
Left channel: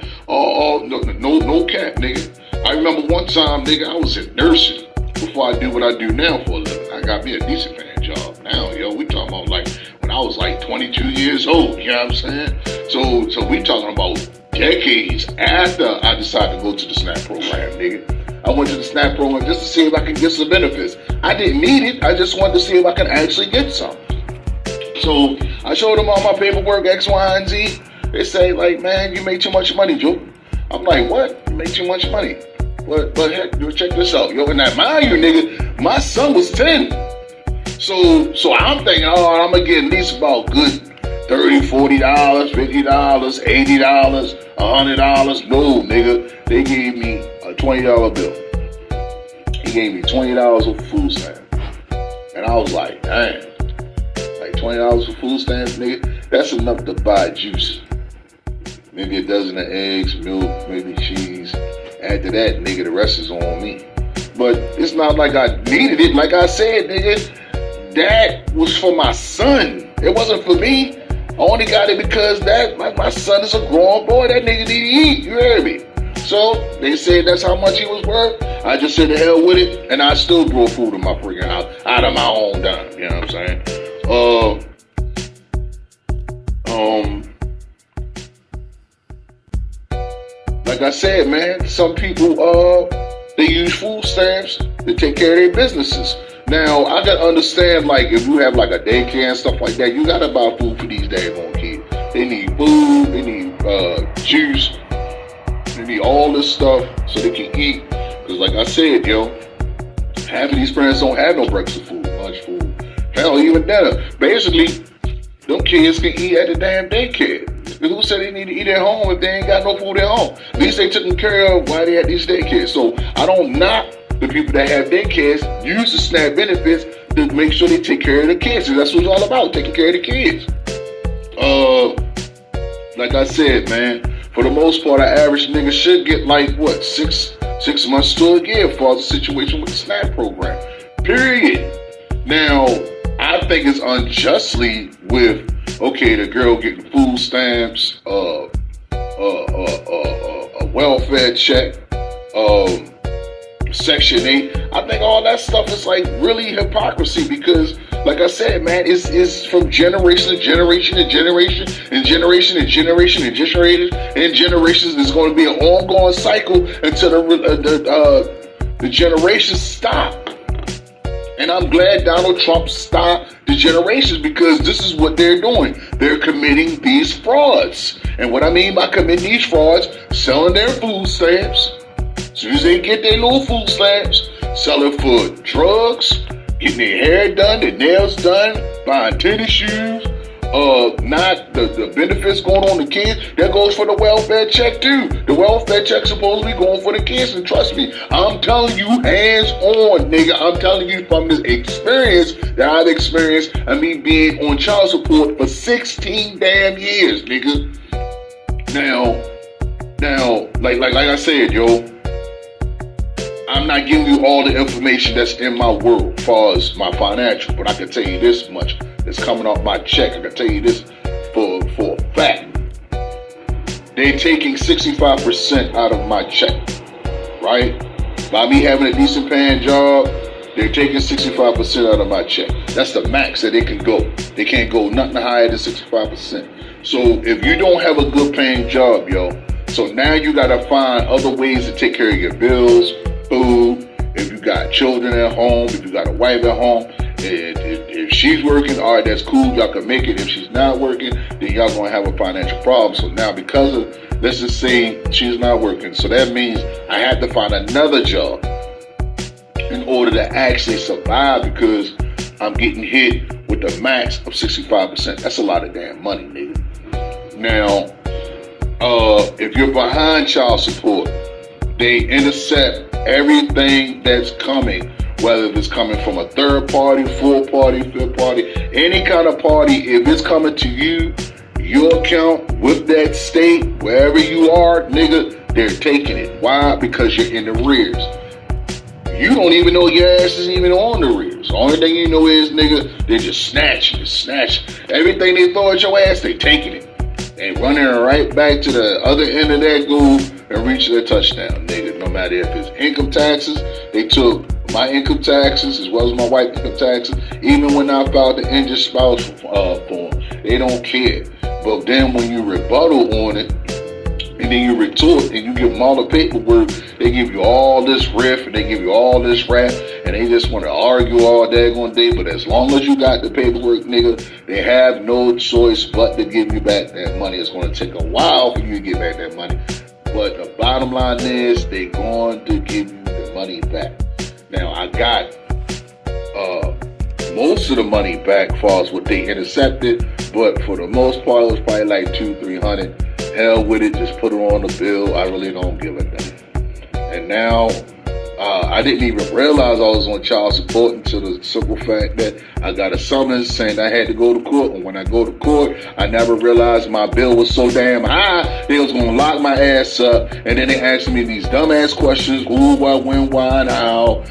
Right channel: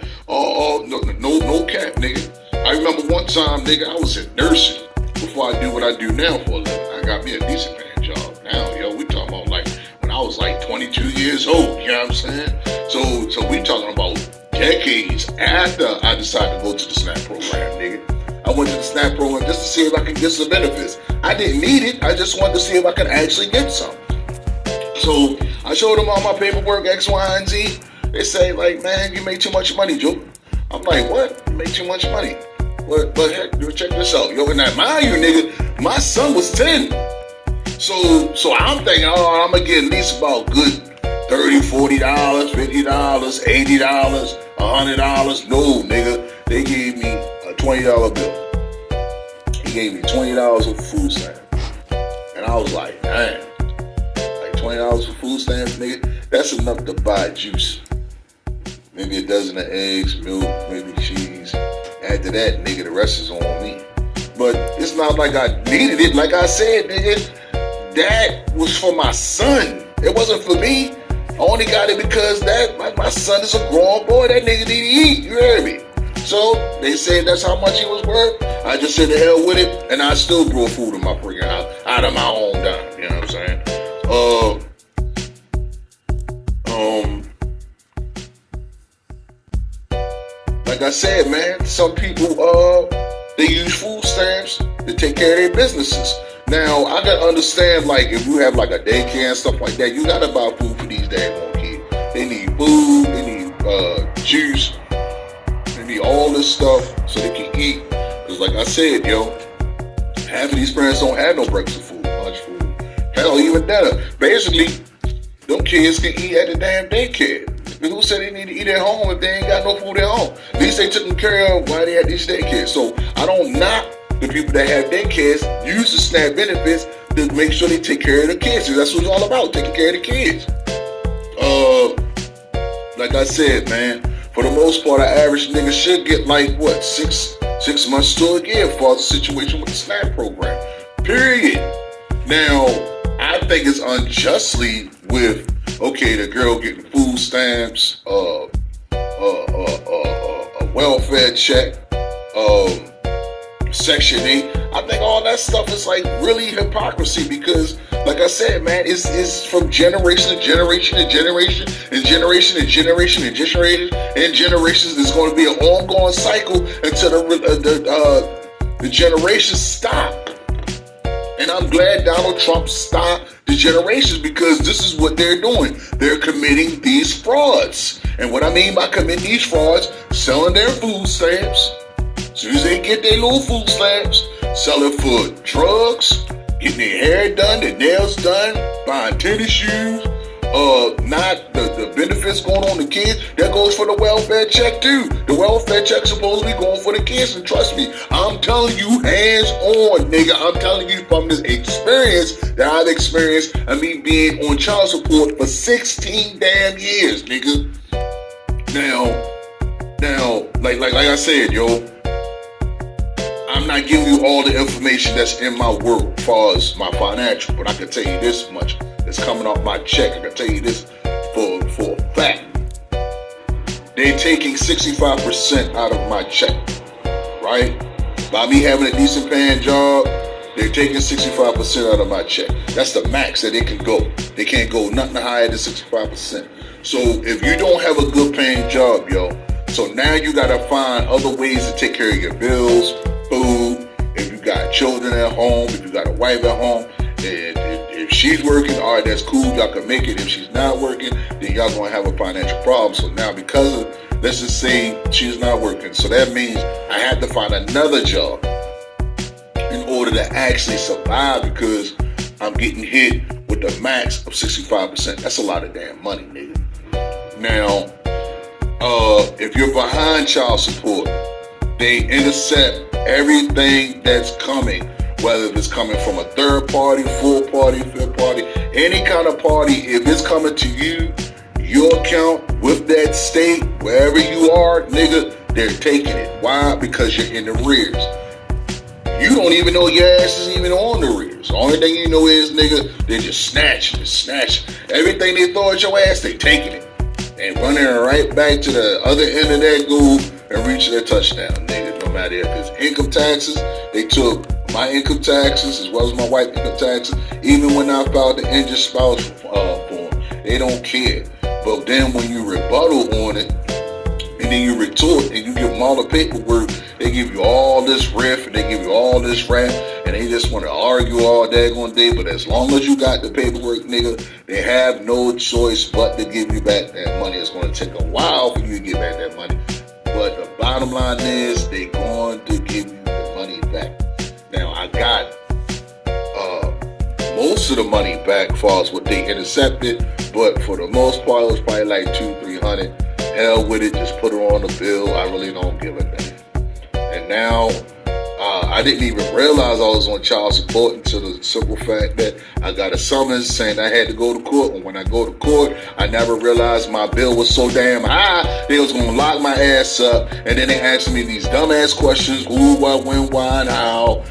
cap, nigga. I remember one time, nigga, I was in nursing before I do what I do now for a living. I got me a decent paying job now, yo. We talking about like when I was like 22 years old, you know what I'm saying? So we talking about decades after I decided to go to the SNAP program, nigga. I went to the SNAP program just to see if I could get some benefits. I didn't need it, I just wanted to see if I could actually get some. So I showed them all my paperwork, X, Y, and Z. They say, like, man, you made too much money, Joe. I'm like, what? You made too much money. But heck, check this out. Yo, and now, mind you, nigga, my son was 10. So I'm thinking, I'm going to get at least about good $30, $40, $50, $80, $100. No, nigga. They gave me a $20 bill. He gave me $20 of food stamps. And I was like, man. $20 for food stamps, nigga, that's enough to buy juice. Maybe a dozen of eggs, milk, maybe cheese. After that, nigga, the rest is on me. But it's not like I needed it. Like I said, nigga, that was for my son. It wasn't for me. I only got it because my son is a grown boy. That nigga need to eat. You heard me? So they said that's how much he was worth. I just said the hell with it, and I still grow food in my freaking house out of my own dime. You know what I'm saying? Like I said, man, some people, they use food stamps to take care of their businesses. Now, I can understand, like, if you have, like, a daycare and stuff like that, you gotta buy food for these daggone kids. They need food, they need, juice, they need all this stuff so they can eat. Because, like I said, yo, half of these parents don't have no breakfast food, lunch food. Hell, even dinner. Basically, them kids can eat at the damn daycare. Who said they need to eat at home if they ain't got no food at home? At least they took them care of while they had these daycares. So I don't knock the people that have daycares, use the SNAP benefits to make sure they take care of the kids. So that's what it's all about, taking care of the kids. Like I said, man, for the most part, an average nigga should get like, what, six months to a year for the situation with the SNAP program. Period. Now, I think it's unjustly with, okay, the girl getting food stamps, a welfare check, Section 8. I think all that stuff is like really hypocrisy, because like I said, man, it's from generation to generation to generation and generation and generation and generation and generations. There's going to be an ongoing cycle until the generations stop. And I'm glad Donald Trump stopped the generations, because this is what they're doing. They're committing these frauds. And what I mean by committing these frauds, selling their food stamps. As soon as they get their little food stamps, selling for drugs, getting their hair done, their nails done, buying tennis shoes, not the benefits going on the kids. That goes for the welfare check too. The welfare check supposed to be going for the kids, and trust me, I'm telling you, hands on, nigga. I'm telling you from this experience that I've experienced of me being on child support for 16 damn years, nigga. Now, like I said, yo, I'm not giving you all the information that's in my world as far as my financial, but I can tell you this much. It's coming off my check. I can tell you this for a fact. They're taking 65% out of my check, right? By me having a decent paying job, they're taking 65% out of my check. That's the max that they can go. They can't go nothing higher than 65%. So if you don't have a good paying job, yo, so now you got to find other ways to take care of your bills, food. If you got children at home, if you got a wife at home, if she's working, all right, that's cool. Y'all can make it. If she's not working, then y'all gonna have a financial problem. So now, because of, let's just say she's not working, so that means I had to find another job in order to actually survive, because I'm getting hit with the max of 65%. That's a lot of damn money, nigga. Now, if you're behind child support, they intercept everything that's coming, whether it's coming from a third party, fourth party, fifth party, any kind of party. If it's coming to you, your account with that state, wherever you are, nigga, they're taking it. Why? Because you're in the rears. You don't even know your ass is even on the rears. The only thing you know is, nigga, they just snatch. Everything they throw at your ass, they taking it. And running right back to the other end of that goal and reaching their touchdown, nigga. No matter if it's income taxes, they took my income taxes as well as my wife's income taxes. Even when I filed the injured spouse form, they don't care. But then when you rebuttal on it, and then you retort and you give them all the paperwork, they give you all this riff and they give you all this rap, and they just want to argue all daggone day. But as long as you got the paperwork, nigga, they have no choice but to give you back that money. It's going to take a while for you to get back that money, but the bottom line is they're going to give you the money back. Now, I got most of the money back as far as what they intercepted, but for the most part, it was probably like $200-300. Hell with it, just put it on the bill. I really don't give a damn. And now, I didn't even realize I was on child support until the simple fact that I got a summons saying I had to go to court. And when I go to court, I never realized my bill was so damn high, they was going to lock my ass up. And then they asked me these dumbass questions. Who, what, when, why, and how.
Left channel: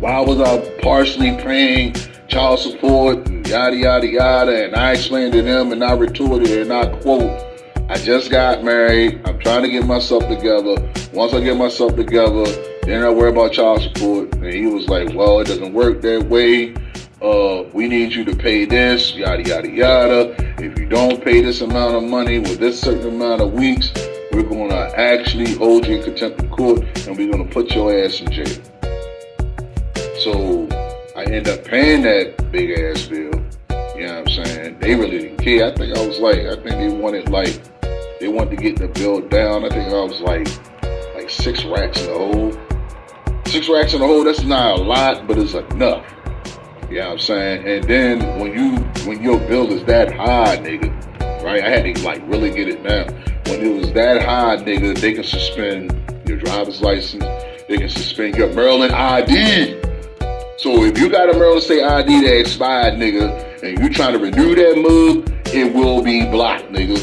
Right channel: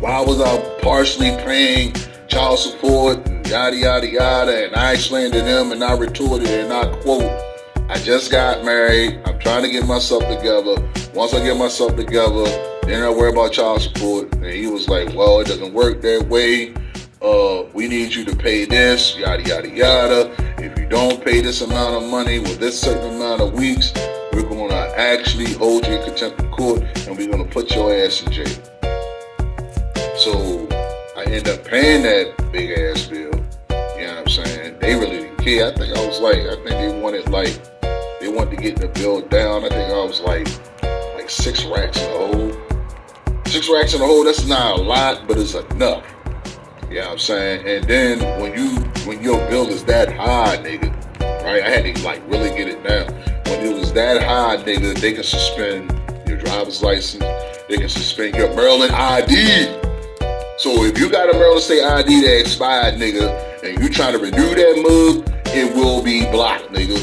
Why was I partially paying child support, and yada, yada, yada. And I explained to them and I retorted and I quote, I just got married. I'm trying to get myself together. Once I get myself together, then I worry about child support. And he was like, well, it doesn't work that way. We need you to pay this, yada, yada, yada. If you don't pay this amount of money with this certain amount of weeks, we're going to actually hold you in contempt of court and we're going to put your ass in jail. So I end up paying that big ass bill. You know what I'm saying? They really didn't care. I think they wanted to get the bill down. I think I was like 6 racks in the hole. 6 racks in the hole, that's not a lot, but it's enough. You know what I'm saying? And then when your bill is that high, nigga, right? I had to really get it down. When it was that high, nigga, they can suspend your driver's license. They can suspend your Maryland ID. So if you got a Maryland State ID that expired, nigga, and you trying to renew that mug, it will be blocked, nigga.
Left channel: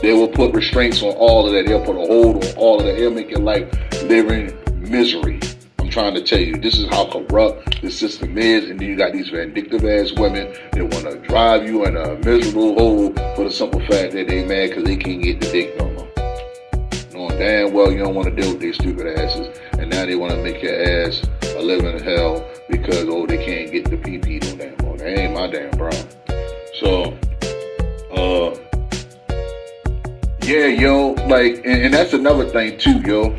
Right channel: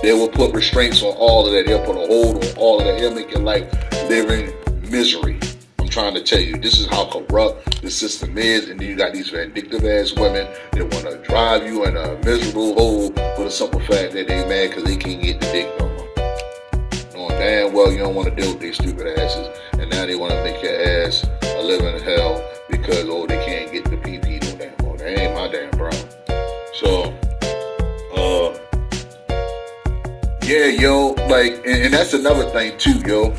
They will put restraints on all of that. They'll put a hold on all of that. They'll make your life live in misery. I'm trying to tell you, this is how corrupt the system is. And then you got these vindictive ass women that want to drive you in a miserable hole for the simple fact that they mad because they can't get the dick no more. Knowing damn well you don't want to deal with these stupid asses. And now they want to make your ass are living in hell because, oh, they can't get the PP no damn more. That ain't my damn problem. So, yeah, yo, like, and that's another thing too, yo.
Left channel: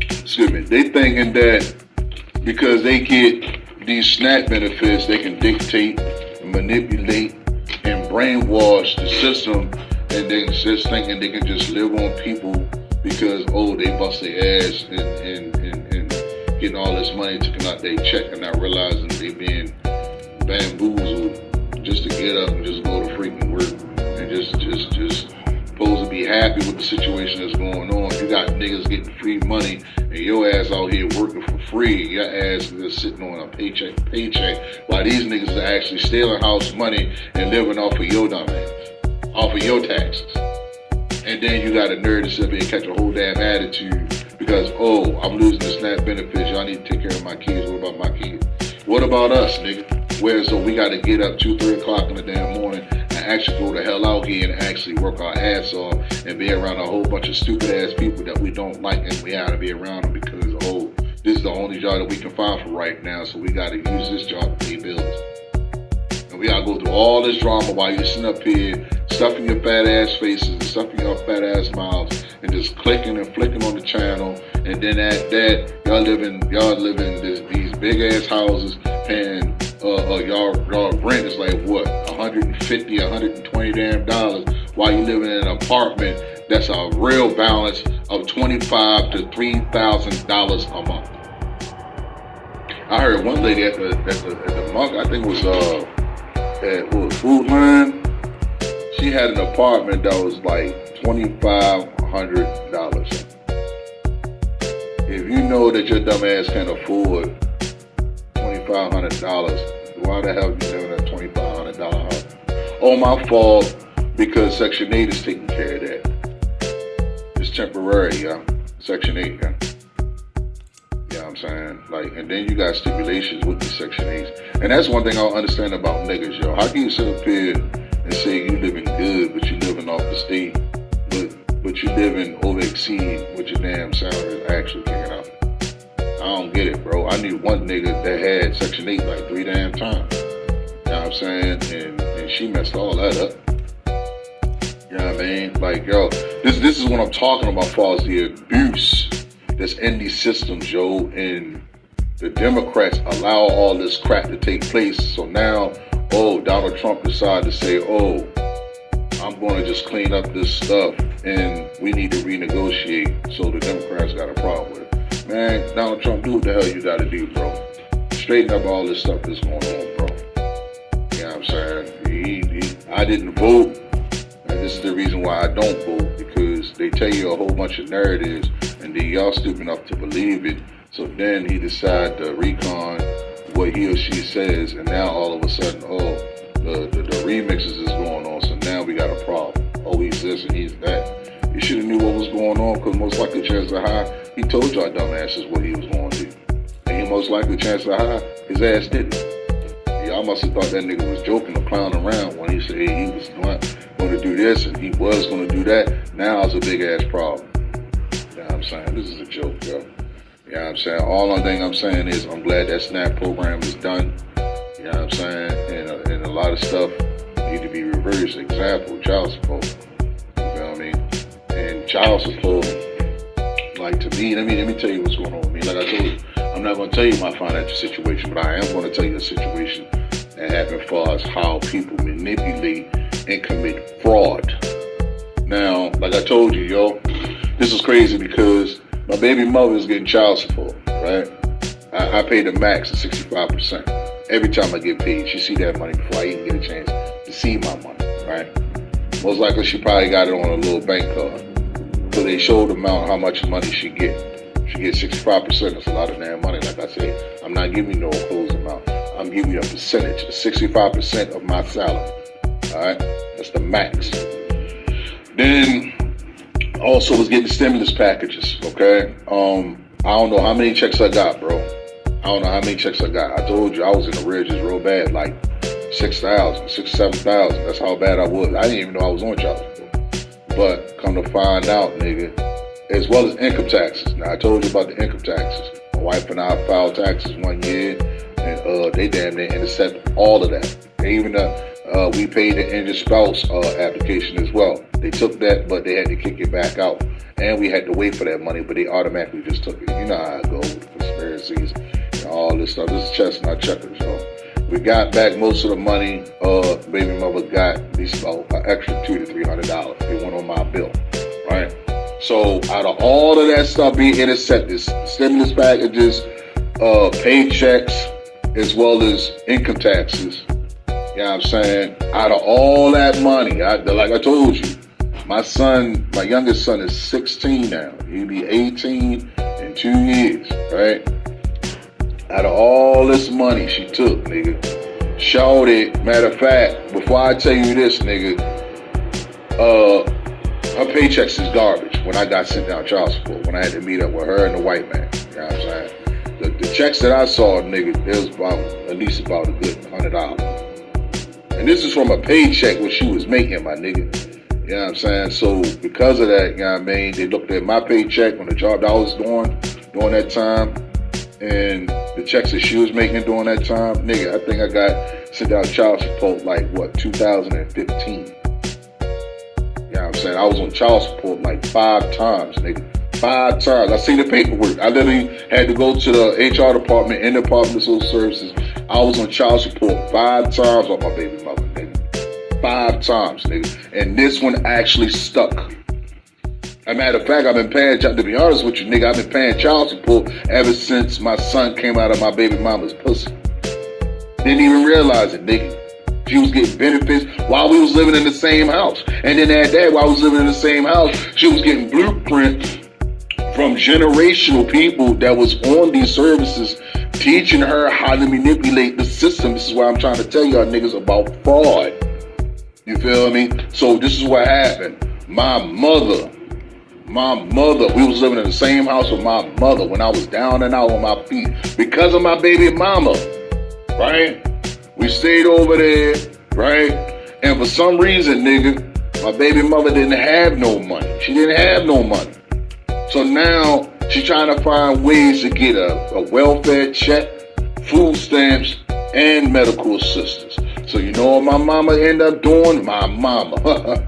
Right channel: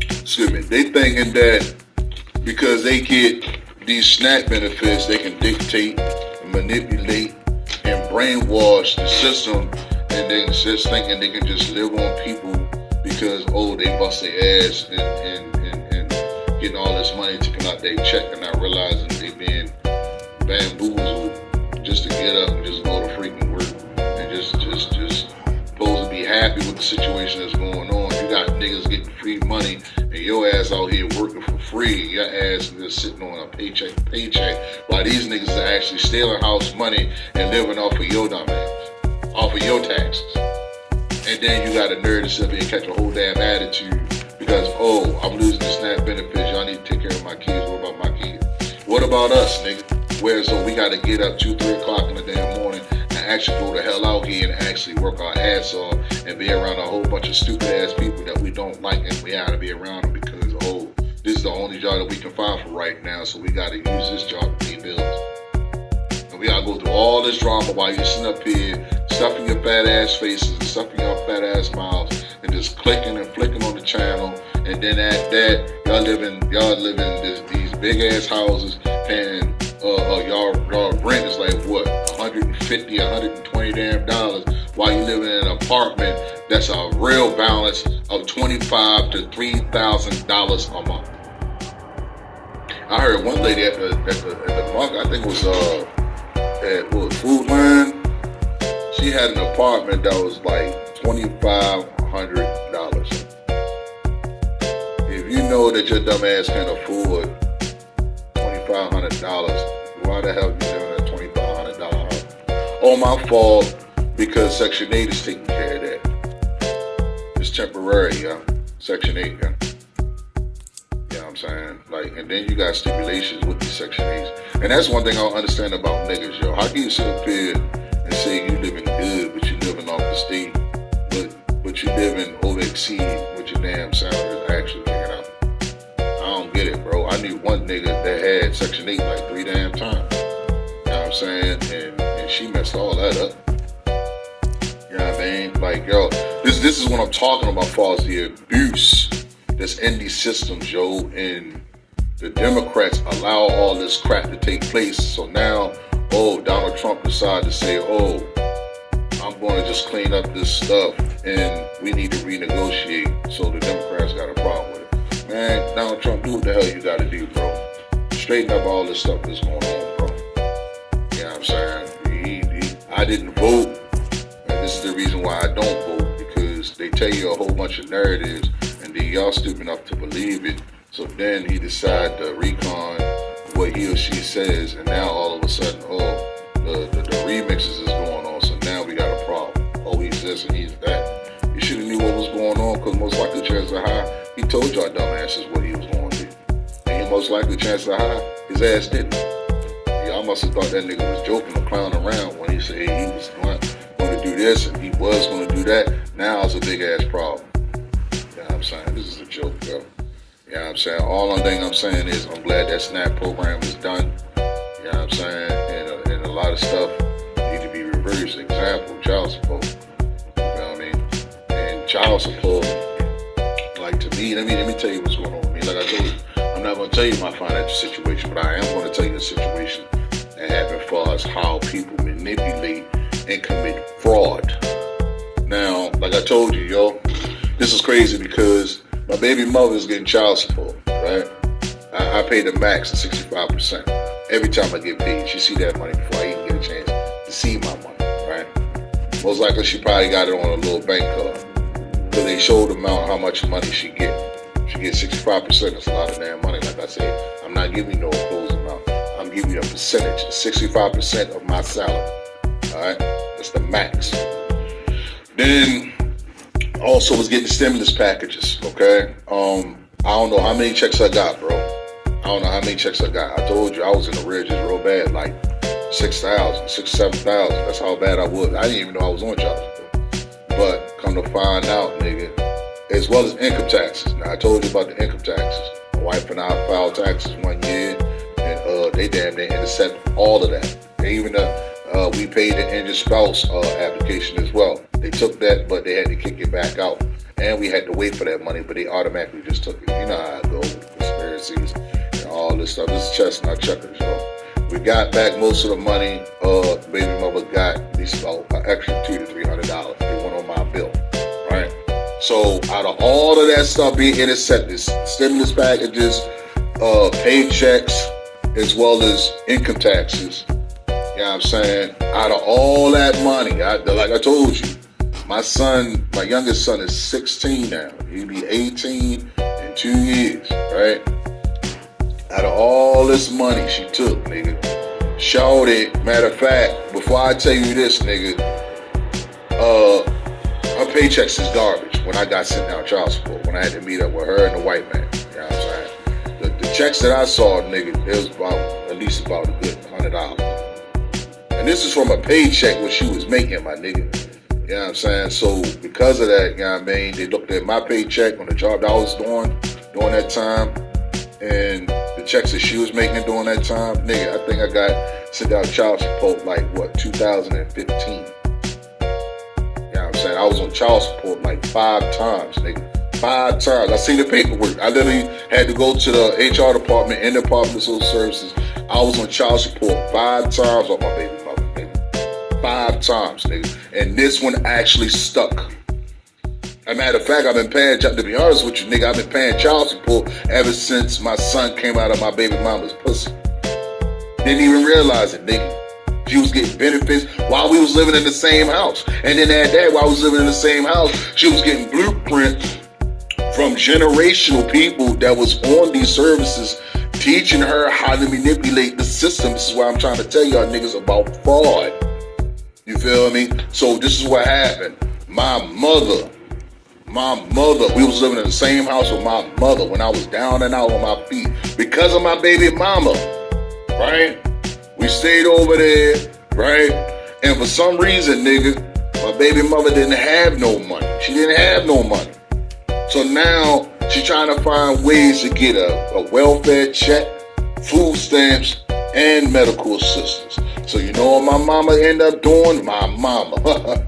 Excuse me. They thinking that because they get these SNAP benefits, they can dictate, manipulate, and brainwash the system, and they just thinking they can just live on people because, oh, they bust their ass and getting all this money taken out their check and not realizing they being bamboozled just to get up and just go to freaking work and just supposed to be happy with the situation that's going on. You got niggas getting free money and your ass out here working for free. Your ass is just sitting on a paycheck to paycheck while these niggas are actually stealing house money and living off of your dumb ass, off of your taxes. And then you got a nerd to sit there and catch a whole damn attitude because, oh, I'm losing the SNAP benefits. Y'all need to take care of my kids. What about my kids? What about us, nigga? Where so we got to get up 2, 3 o'clock in the damn morning and actually go the hell out here and actually work our ass off and be around a whole bunch of stupid ass people that we don't like, and we have to be around them because, oh, this is the only job that we can find for right now, so we got to use this job to pay bills. And we got to go through all this drama while you're sitting up here stuffing your fat ass faces and stuffing your fat ass mouths and just clicking and flicking on the channel, and then at that y'all living these big ass houses paying y'all rent is like what, $150, $120 damn dollars, while you living in an apartment that's a real balance of $25,000 to $3,000 a month. I heard one lady at the monk, I think it was at Food Line. She had an apartment that was like $2,500. If you know that your dumb ass can afford $2,500, why the hell you living in a $2,500 house? Oh, my fault, because Section 8 is taking care of that. It's temporary, yeah. Section 8, yeah. You know what I'm saying? Like, and then you got stipulations with these Section 8s. And that's one thing I don't understand about niggas, yo. How can you sit up here and say you living good, but you living off the state, but you living over exceed what your damn salary is actually kicking out? I don't get it, bro. I knew one nigga that had Section 8 like 3 damn times. You know what I'm saying? And she messed all that up. You know what I mean? Like, yo, this is what I'm talking about, far as the abuse that's in these systems, yo. And the Democrats allow all this crap to take place. So now, oh, Donald Trump decided to say, oh, I'm going to just clean up this stuff and we need to renegotiate. So the Democrats got a problem with it. Man, Donald Trump, do what the hell you got to do, bro. Straighten up all this stuff that's going on, bro. You know what I'm saying? I didn't vote, and this is the reason why I don't vote, because they tell you a whole bunch of narratives, and then y'all stupid enough to believe it. So then he decided to recon what he or she says, and now all of a sudden, oh, the remixes is going on, so now we got a problem. Oh, he's this and he's that. You should have knew what was going on, because most likely the chances are high he told y'all dumbasses what he was going to do. And he most likely the chances are high his ass didn't. Y'all must have thought that nigga was joking or clowning around when he said he was going to do this and he was going to do that. Now it's a big ass problem. You know what I'm saying? This is a joke, yo. You know what I'm saying? All the thing I'm saying is I'm glad that SNAP program is done. You know what I'm saying? And a lot of stuff need to be reversed. Example, child support. You know what I mean? And child support, like, to me, let me tell you what's going on with me. Like I told you, I'm not going to tell you my financial situation, but I am going to tell you a situation that happened as far as how people manipulate and commit fraud. Now, like I told you, yo, this is crazy because my baby mother is getting child support, right? I pay the max of 65% every time I get paid. She see that money before I even get a chance to see my money, right? Most likely she probably got it on a little bank card. So they showed the amount how much money she get. She gets 65%. That's a lot of damn money. Like I said, I'm not giving you no closed amount. I'm giving you a percentage, 65% of my salary. All right, that's the max. Then also was getting stimulus packages. Okay, I don't know how many checks I got, bro. I don't know how many checks I got. I told you I was in the arrears real bad, like 6,000, 7,000. That's how bad I was. I didn't even know I was on child support. But come to find out, nigga, as well as income taxes. Now, I told you about the income taxes wife and I filed taxes one year, and they damn near intercepted all of that. They even we paid the injured spouse application as well. They took that, but they had to kick it back out, and we had to wait for that money, but they automatically just took it. You know how it goes with conspiracies and all this stuff. This is chestnut checkers, yo. We got back most of the money. Baby mother got at least about an extra $200 to $300. It went on my bill, right? So out of all of that stuff being intercepted, stimulus packages, paychecks, as well as income taxes, you know what I'm saying? Out of all that money, like I told you, my youngest son is 16 now. He'll be 18 in 2 years, right? Out of all this money she took, nigga, shorty, matter of fact, before I tell you this, nigga, her paychecks is garbage when I got sent down child support, when I had to meet up with her and the white man. You know what I'm saying? The checks that I saw, nigga, it was at least about a good $100. And this is from a paycheck what she was making, my nigga. You know what I'm saying? So because of that, you know what I mean, they looked at my paycheck on the job that I was doing during that time, and the checks that she was making during that time, nigga, I think I got sent down child support like, 2015. You know what I'm saying? I was on child support like 5 times, nigga. 5 times. I seen the paperwork. I literally had to go to the HR department and the Department of Social Services. I was on child support 5 times on my baby mother, nigga. 5 times, nigga. And this one actually stuck. As a matter of fact, I've been paying, to be honest with you, nigga, I've been paying child support ever since my son came out of my baby mama's pussy. Didn't even realize it, nigga. She was getting benefits while we was living in the same house. And then at that, while I was living in the same house, she was getting blueprint from generational people that was on these services, teaching her how to manipulate the system. This is why I'm trying to tell y'all niggas about fraud. You feel me? So this is what happened. My mother, we was living in the same house with my mother when I was down and out on my feet because of my baby mama, right? We stayed over there, right? And for some reason, nigga, my baby mother didn't have no money. She didn't have no money. So now she's trying to find ways to get a welfare check, food stamps, and medical assistance. So you know what my mama ended up doing? My mama.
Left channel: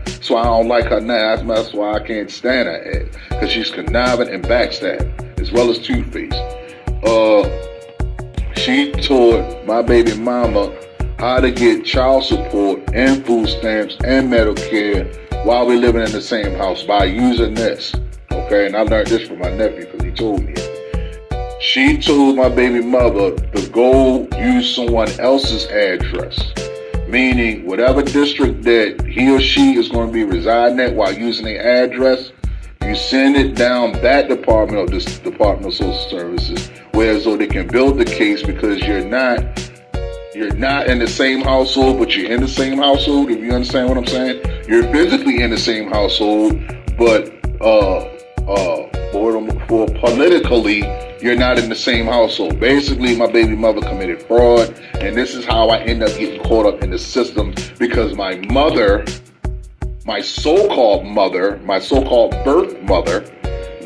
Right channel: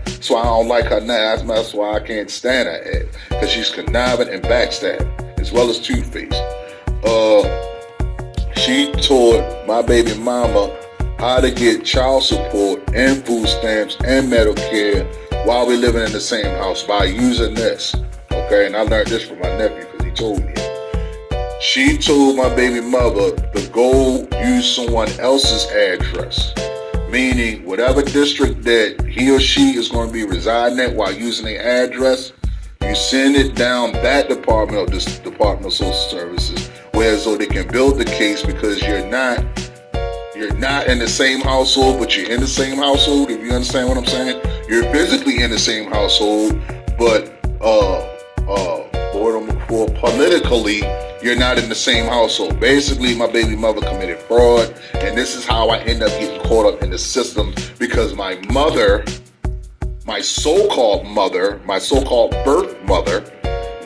That's why I don't like her now. That's why I can't stand her ass. Because she's conniving and backstabbing, as well as two-faced. She taught my baby mama how to get child support and food stamps and Medicare while we're living in the same house by using this. Okay, and I learned this from my nephew because he told me it. She told my baby mother to go use someone else's address, meaning whatever district that he or she is going to be residing at while using the address, you send it down that department or this Department of Social Services, where so they can build the case because you're not in the same household, but you're in the same household, if you understand what I'm saying. You're physically in the same household, but for politically, you're not in the same household. Basically, my baby mother committed fraud, and this is how I end up getting caught up in the system because my mother, my so-called birth mother,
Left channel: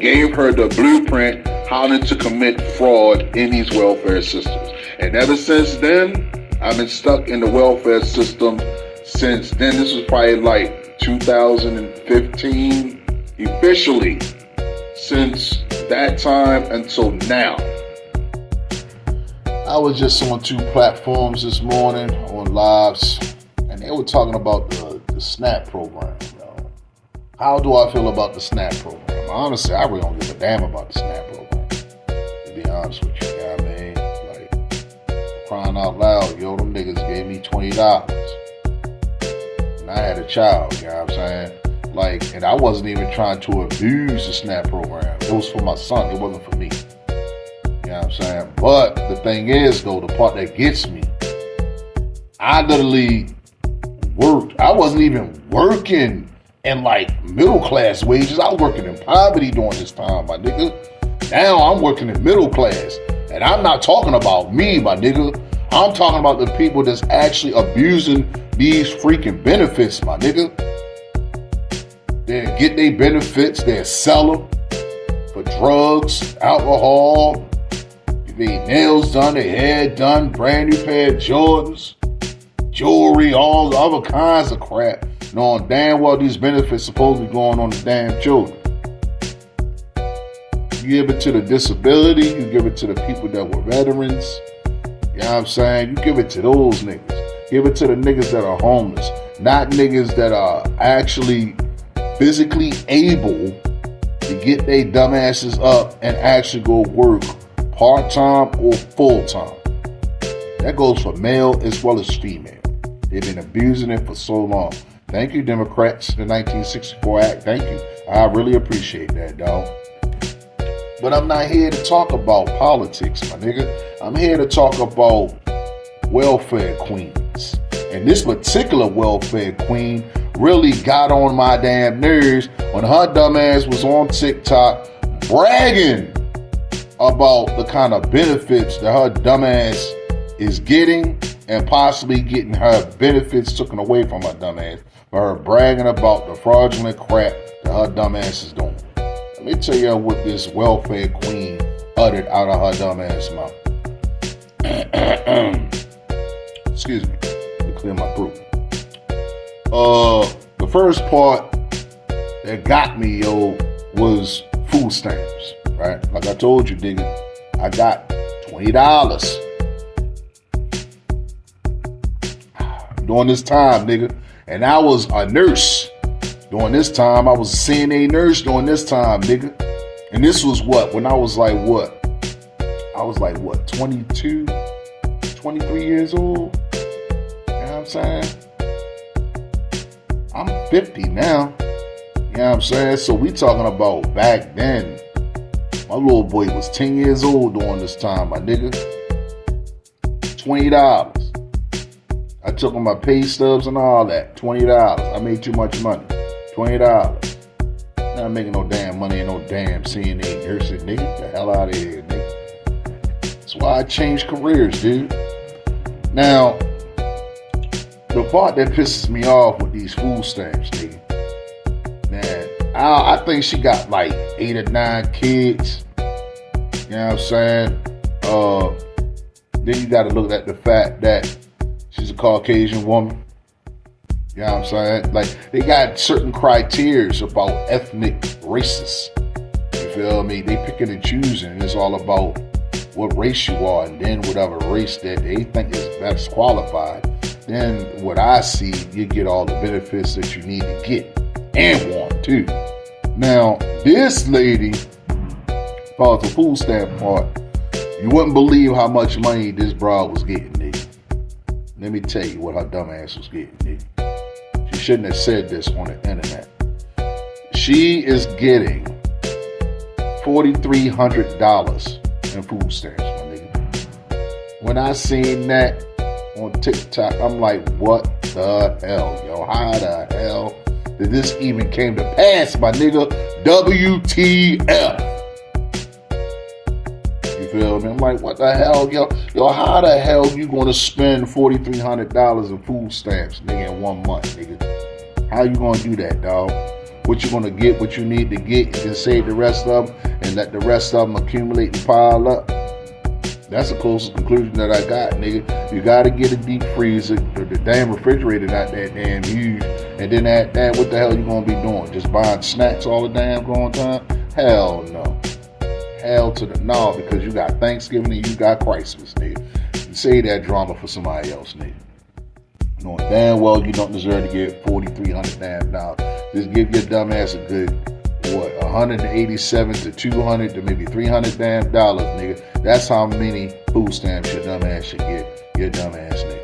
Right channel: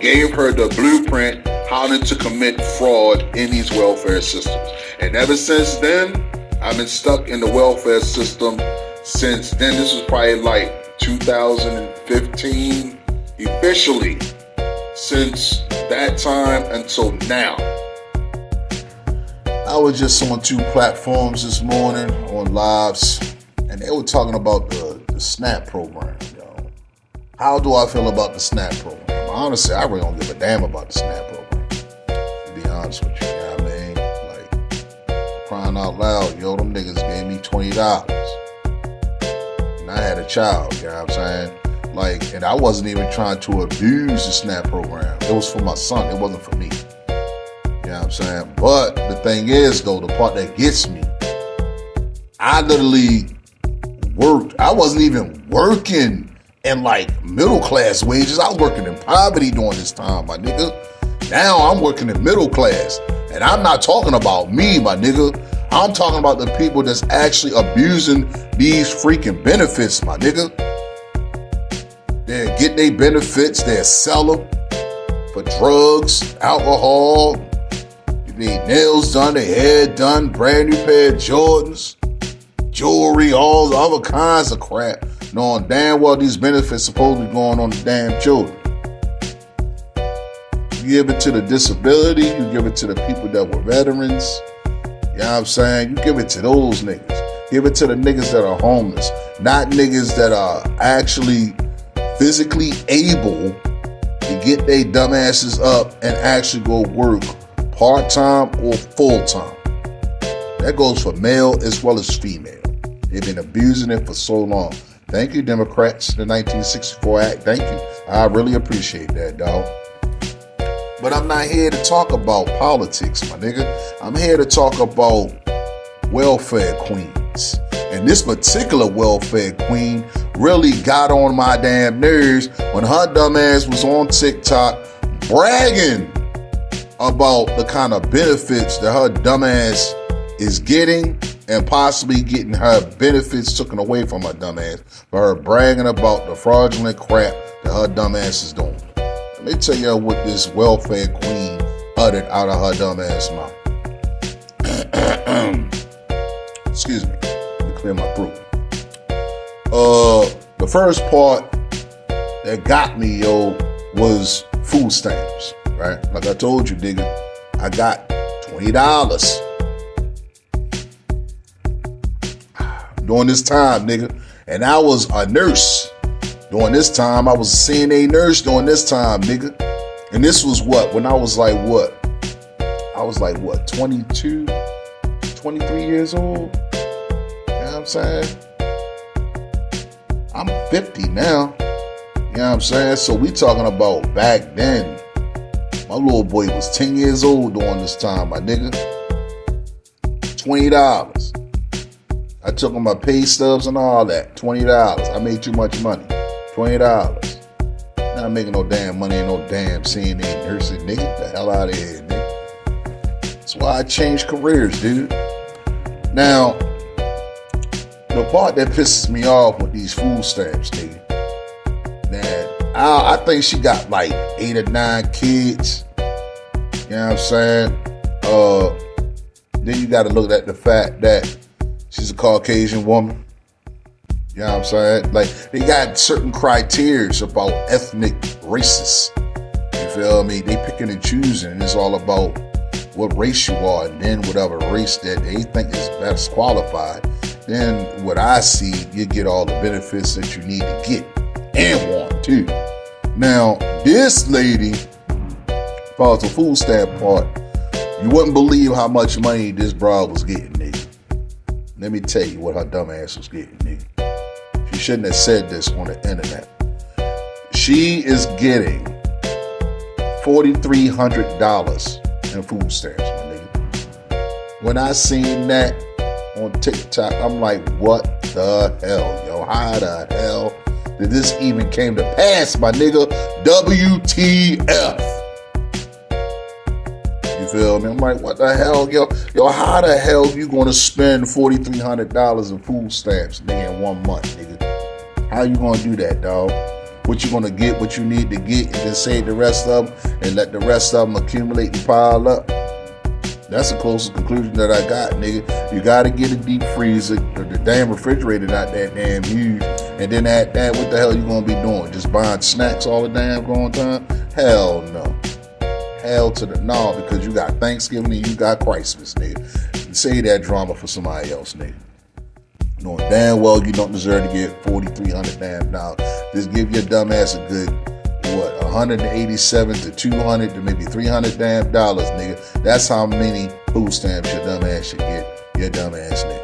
gave her the blueprint how to commit fraud in these welfare systems. And ever since then, I've been stuck in the welfare system since then. This was probably like 2015, officially, since that time until now. I was just on 2 platforms this morning on lives, and they were talking about the SNAP program. How do I feel about the SNAP program? Honestly, I really don't give a damn about the SNAP program, to be honest with you. You know what I mean? Like, crying out loud, yo, them niggas gave me $20. And I had a child, you know what I'm saying? Like, and I wasn't even trying to abuse the SNAP program. It was for my son. It wasn't for me. You know what I'm saying? But the thing is, though, the part that gets me, I literally worked. I wasn't even working in like middle class wages. I was working in poverty during this time, my nigga. Now I'm working in middle class. And I'm not talking about me, my nigga. I'm talking about the people that's actually abusing these freaking benefits, my nigga. They get their benefits, they sell them for drugs, alcohol, they nails done, their hair done, brand new pair of Jordans, jewelry, all the other kinds of crap, knowing damn well these benefits supposed to be going on the damn children. You give it to the disability, you give it to the people that were veterans, you know what I'm saying? You give it to those niggas. Give it to the niggas that are homeless, not niggas that are actually physically able to get their dumbasses up and actually go work part-time or full-time. That goes for male as well as female. They've been abusing it for so long. Thank you, Democrats, the 1964 Act. Thank you. I really appreciate that, dog. But I'm not here to talk about politics, my nigga. I'm here to talk about welfare queens. And this particular welfare queen really got on my damn nerves when her dumb ass was on TikTok bragging about the kind of benefits that her dumb ass is getting and possibly getting her benefits taken away from her dumb ass for her bragging about the fraudulent crap that her dumb ass is doing. Let me tell you what this welfare queen uttered out of her dumb ass mouth. Excuse me. Let me clear my throat. The first part that got me, was food stamps, right? Like I told you, nigga, I got $20 during this time, nigga. And I was a nurse during this time. I was a CNA nurse during this time, nigga. And this was what? When I was like, what? I was like, what, 22, 23 years old? You know what I'm saying? I'm 50 now. You know what I'm saying? So we talking about back then. My little boy was 10 years old during this time, my nigga. $20. I took on my pay stubs and all that. $20. I made too much money. $20. Not making no damn money in no damn CNA nursing, nigga. Get the hell out of here, nigga. That's why I changed careers, dude. Now, the part that pisses me off with these food stamps, nigga, man, I think she got like 8 or 9 kids. You know what I'm saying? Then you got to look at the fact that she's a Caucasian woman. You know what I'm saying? Like, they got certain criteria about ethnic races. You feel me? They picking and choosing. It's all about what race you are, and then whatever race that they think is best qualified. Then what I see, you get all the benefits that you need to get and want too. Now, this lady, as far as the food stamp part, you wouldn't believe how much money this broad was getting, nigga. Let me tell you what her dumb ass was getting, nigga. She shouldn't have said this on the internet. She is getting $4,300 in food stamps, my nigga. When I seen that on TikTok, I'm like, what the hell, yo? How the hell did this even came to pass, my nigga? WTF? You feel me? I'm like, what the hell, yo? Yo, how the hell you gonna spend $4,300 in food stamps, nigga, in 1 month, nigga? How you gonna do that, dog? What you gonna get, what you need to get, and then save the rest of them and let the rest of them accumulate and pile up? That's the closest conclusion that I got, nigga. You gotta get a deep freezer, or the damn refrigerator not that damn huge, and then at that, what the hell you gonna be doing? Just buying snacks all the damn going time? Hell no. Hell to the no, because you got Thanksgiving and you got Christmas, nigga. And say that drama for somebody else, nigga. Knowing damn well you don't deserve to get $4,300 damn dollars. Just give your dumb ass a good, what, 187 to 200 to maybe $300 damn dollars, nigga. That's how many food stamps your dumb ass should get. Your dumb ass, nigga.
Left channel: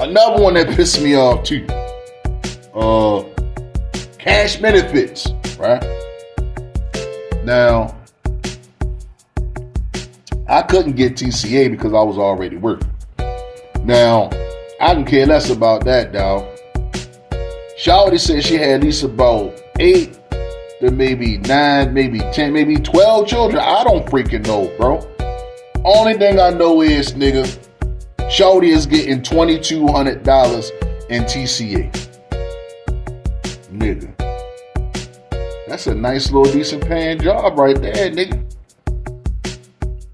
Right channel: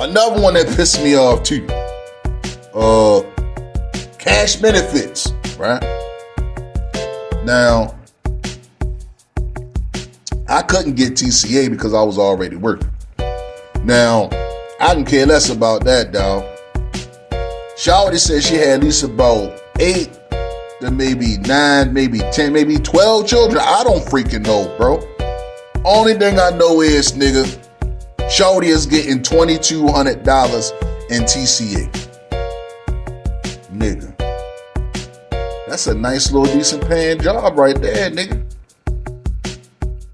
Another one that pissed me off too. Cash benefits, right? Now, I couldn't get TCA because I was already working. Now, I can care less about that, dog. Shawty said she had at least about 8 to maybe 9, maybe 10, maybe 12 children. I don't freaking know, bro. Only thing I know is, nigga, Shawty is getting $2,200 in TCA. Nigga. That's a nice little decent paying job right there, nigga.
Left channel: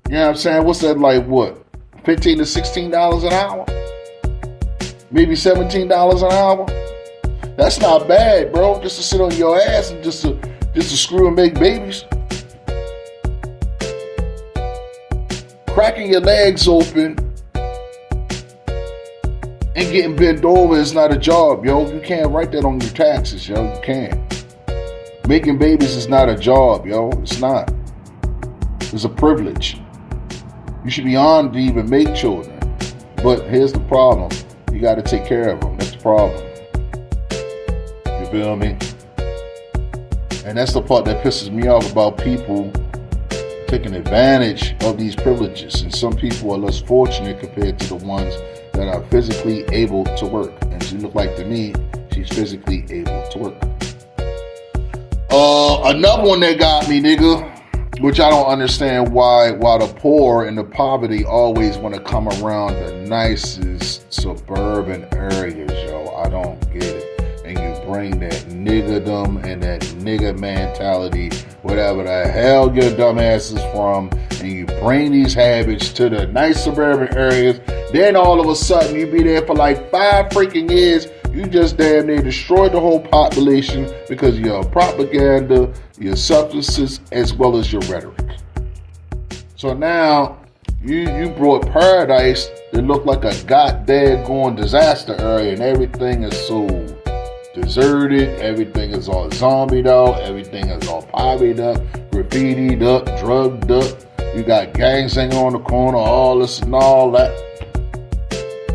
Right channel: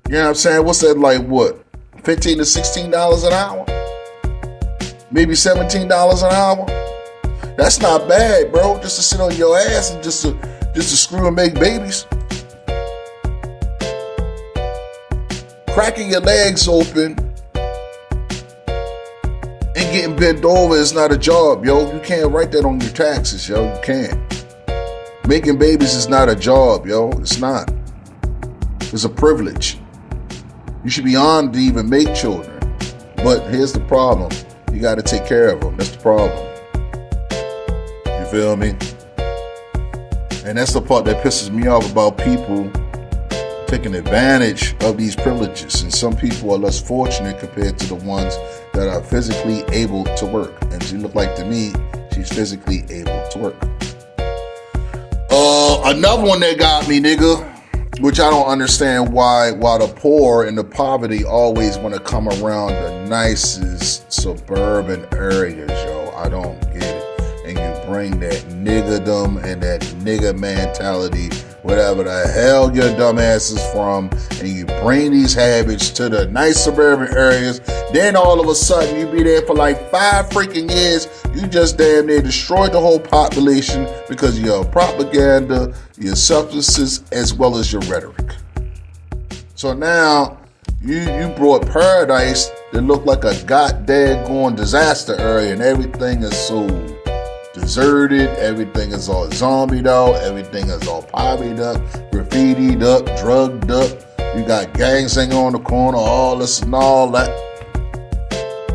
You know what I'm saying? What's that like? What? $15 to $16 an hour? Maybe $17 an hour? That's not bad, bro. Just to sit on your ass and just to screw and make babies. Cracking your legs open and getting bent over is not a job, yo. You can't write that on your taxes, yo. You can't. Making babies is not a job, yo. It's not. It's a privilege. You should be honored to even make children. But here's the problem. You got to take care of them. That's the problem. You feel me? And that's the part that pisses me off about people taking advantage of these privileges. And some people are less fortunate compared to the ones that are physically able to work. And she looked like to me, she's physically able to work. Another one that got me, nigga, which I don't understand why the poor and the poverty always want to come around the nicest suburban areas, yo. I don't get it. And you bring that niggerdom and that nigger mentality, whatever the hell your dumb ass is from, and you bring these habits to the nice suburban areas. Then all of a sudden you be there for like 5 freaking years. You just damn near destroyed the whole population because of your propaganda, your substances, as well as your rhetoric. So now you brought paradise that looked like a goddamn disaster area, and everything is so deserted, everything is all zombied out, everything is all poverty up, graffitied up, drugged up. You got gangs hanging on the corner, all this and all that.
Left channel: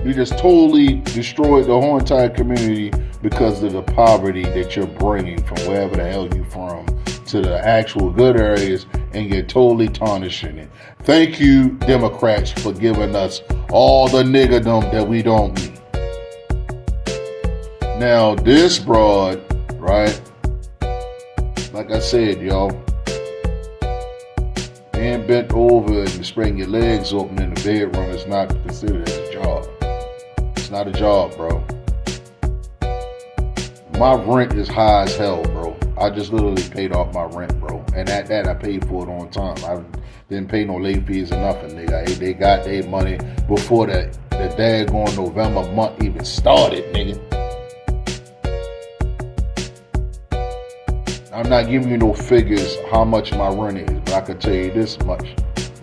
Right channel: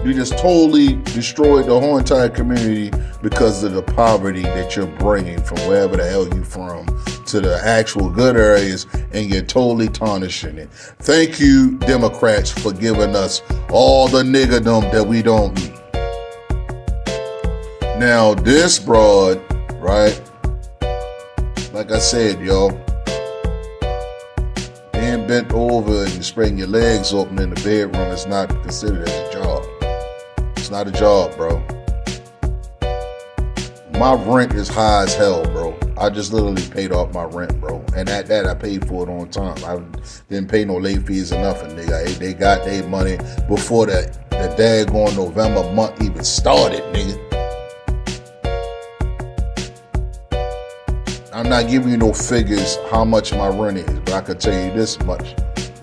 You just totally destroyed the whole entire community because of the poverty that you're bringing from wherever the hell you from to the actual good areas, and you're totally tarnishing it. Thank you, Democrats, for giving us all the niggerdom that we don't need. Now, this broad, right, like I said, yo, being bent over and spreading your legs open in the bedroom is not considered as a job. It's not a job, bro. My rent is high as hell, bro. I just literally paid off my rent, bro. And at that, I paid for it on time. I didn't pay no late fees or nothing, nigga. They got their money before the daggone November month even started, nigga. I'm not giving you no figures how much my rent is, but I can tell you this much.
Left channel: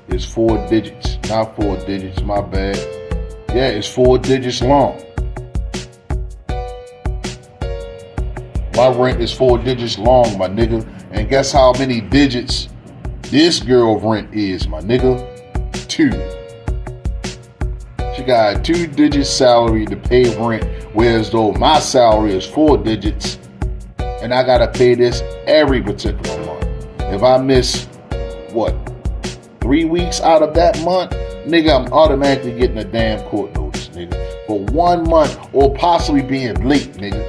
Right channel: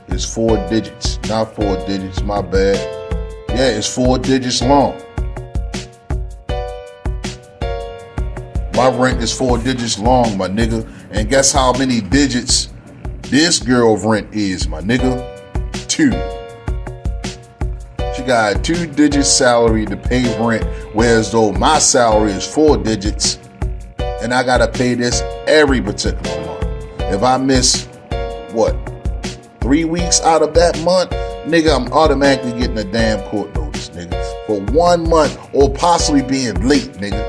It's 4 digits. Not 4 digits, my bad. Yeah, it's 4 digits long. My rent is 4 digits long, my nigga. And guess how many digits this girl rent is, my nigga? 2. She got a 2-digit salary to pay rent, whereas though my salary is 4 digits, and I gotta pay this every particular month. If I miss, 3 weeks out of that month, nigga, I'm automatically getting a damn court notice, nigga. For 1 month, or possibly being late, nigga.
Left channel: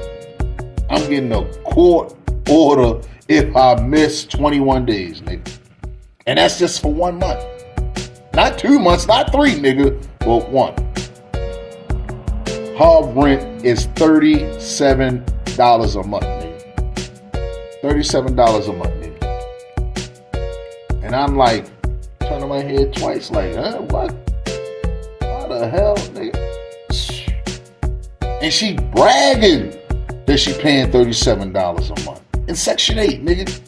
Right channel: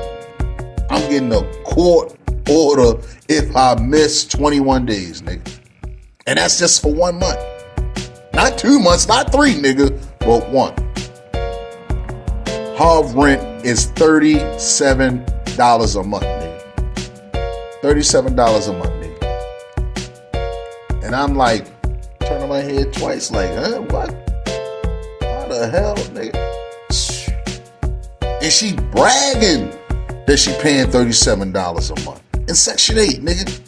I'm getting a court order if I miss 21 days, nigga. And that's just for 1 month. Not 2 months, not 3, nigga, but 1. Her rent is $37 a month, nigga. $37 a month, nigga. And I'm like, turning my head twice, like, huh, what? How the hell, nigga? And she bragging that she paying $37 a month. In Section 8, nigga.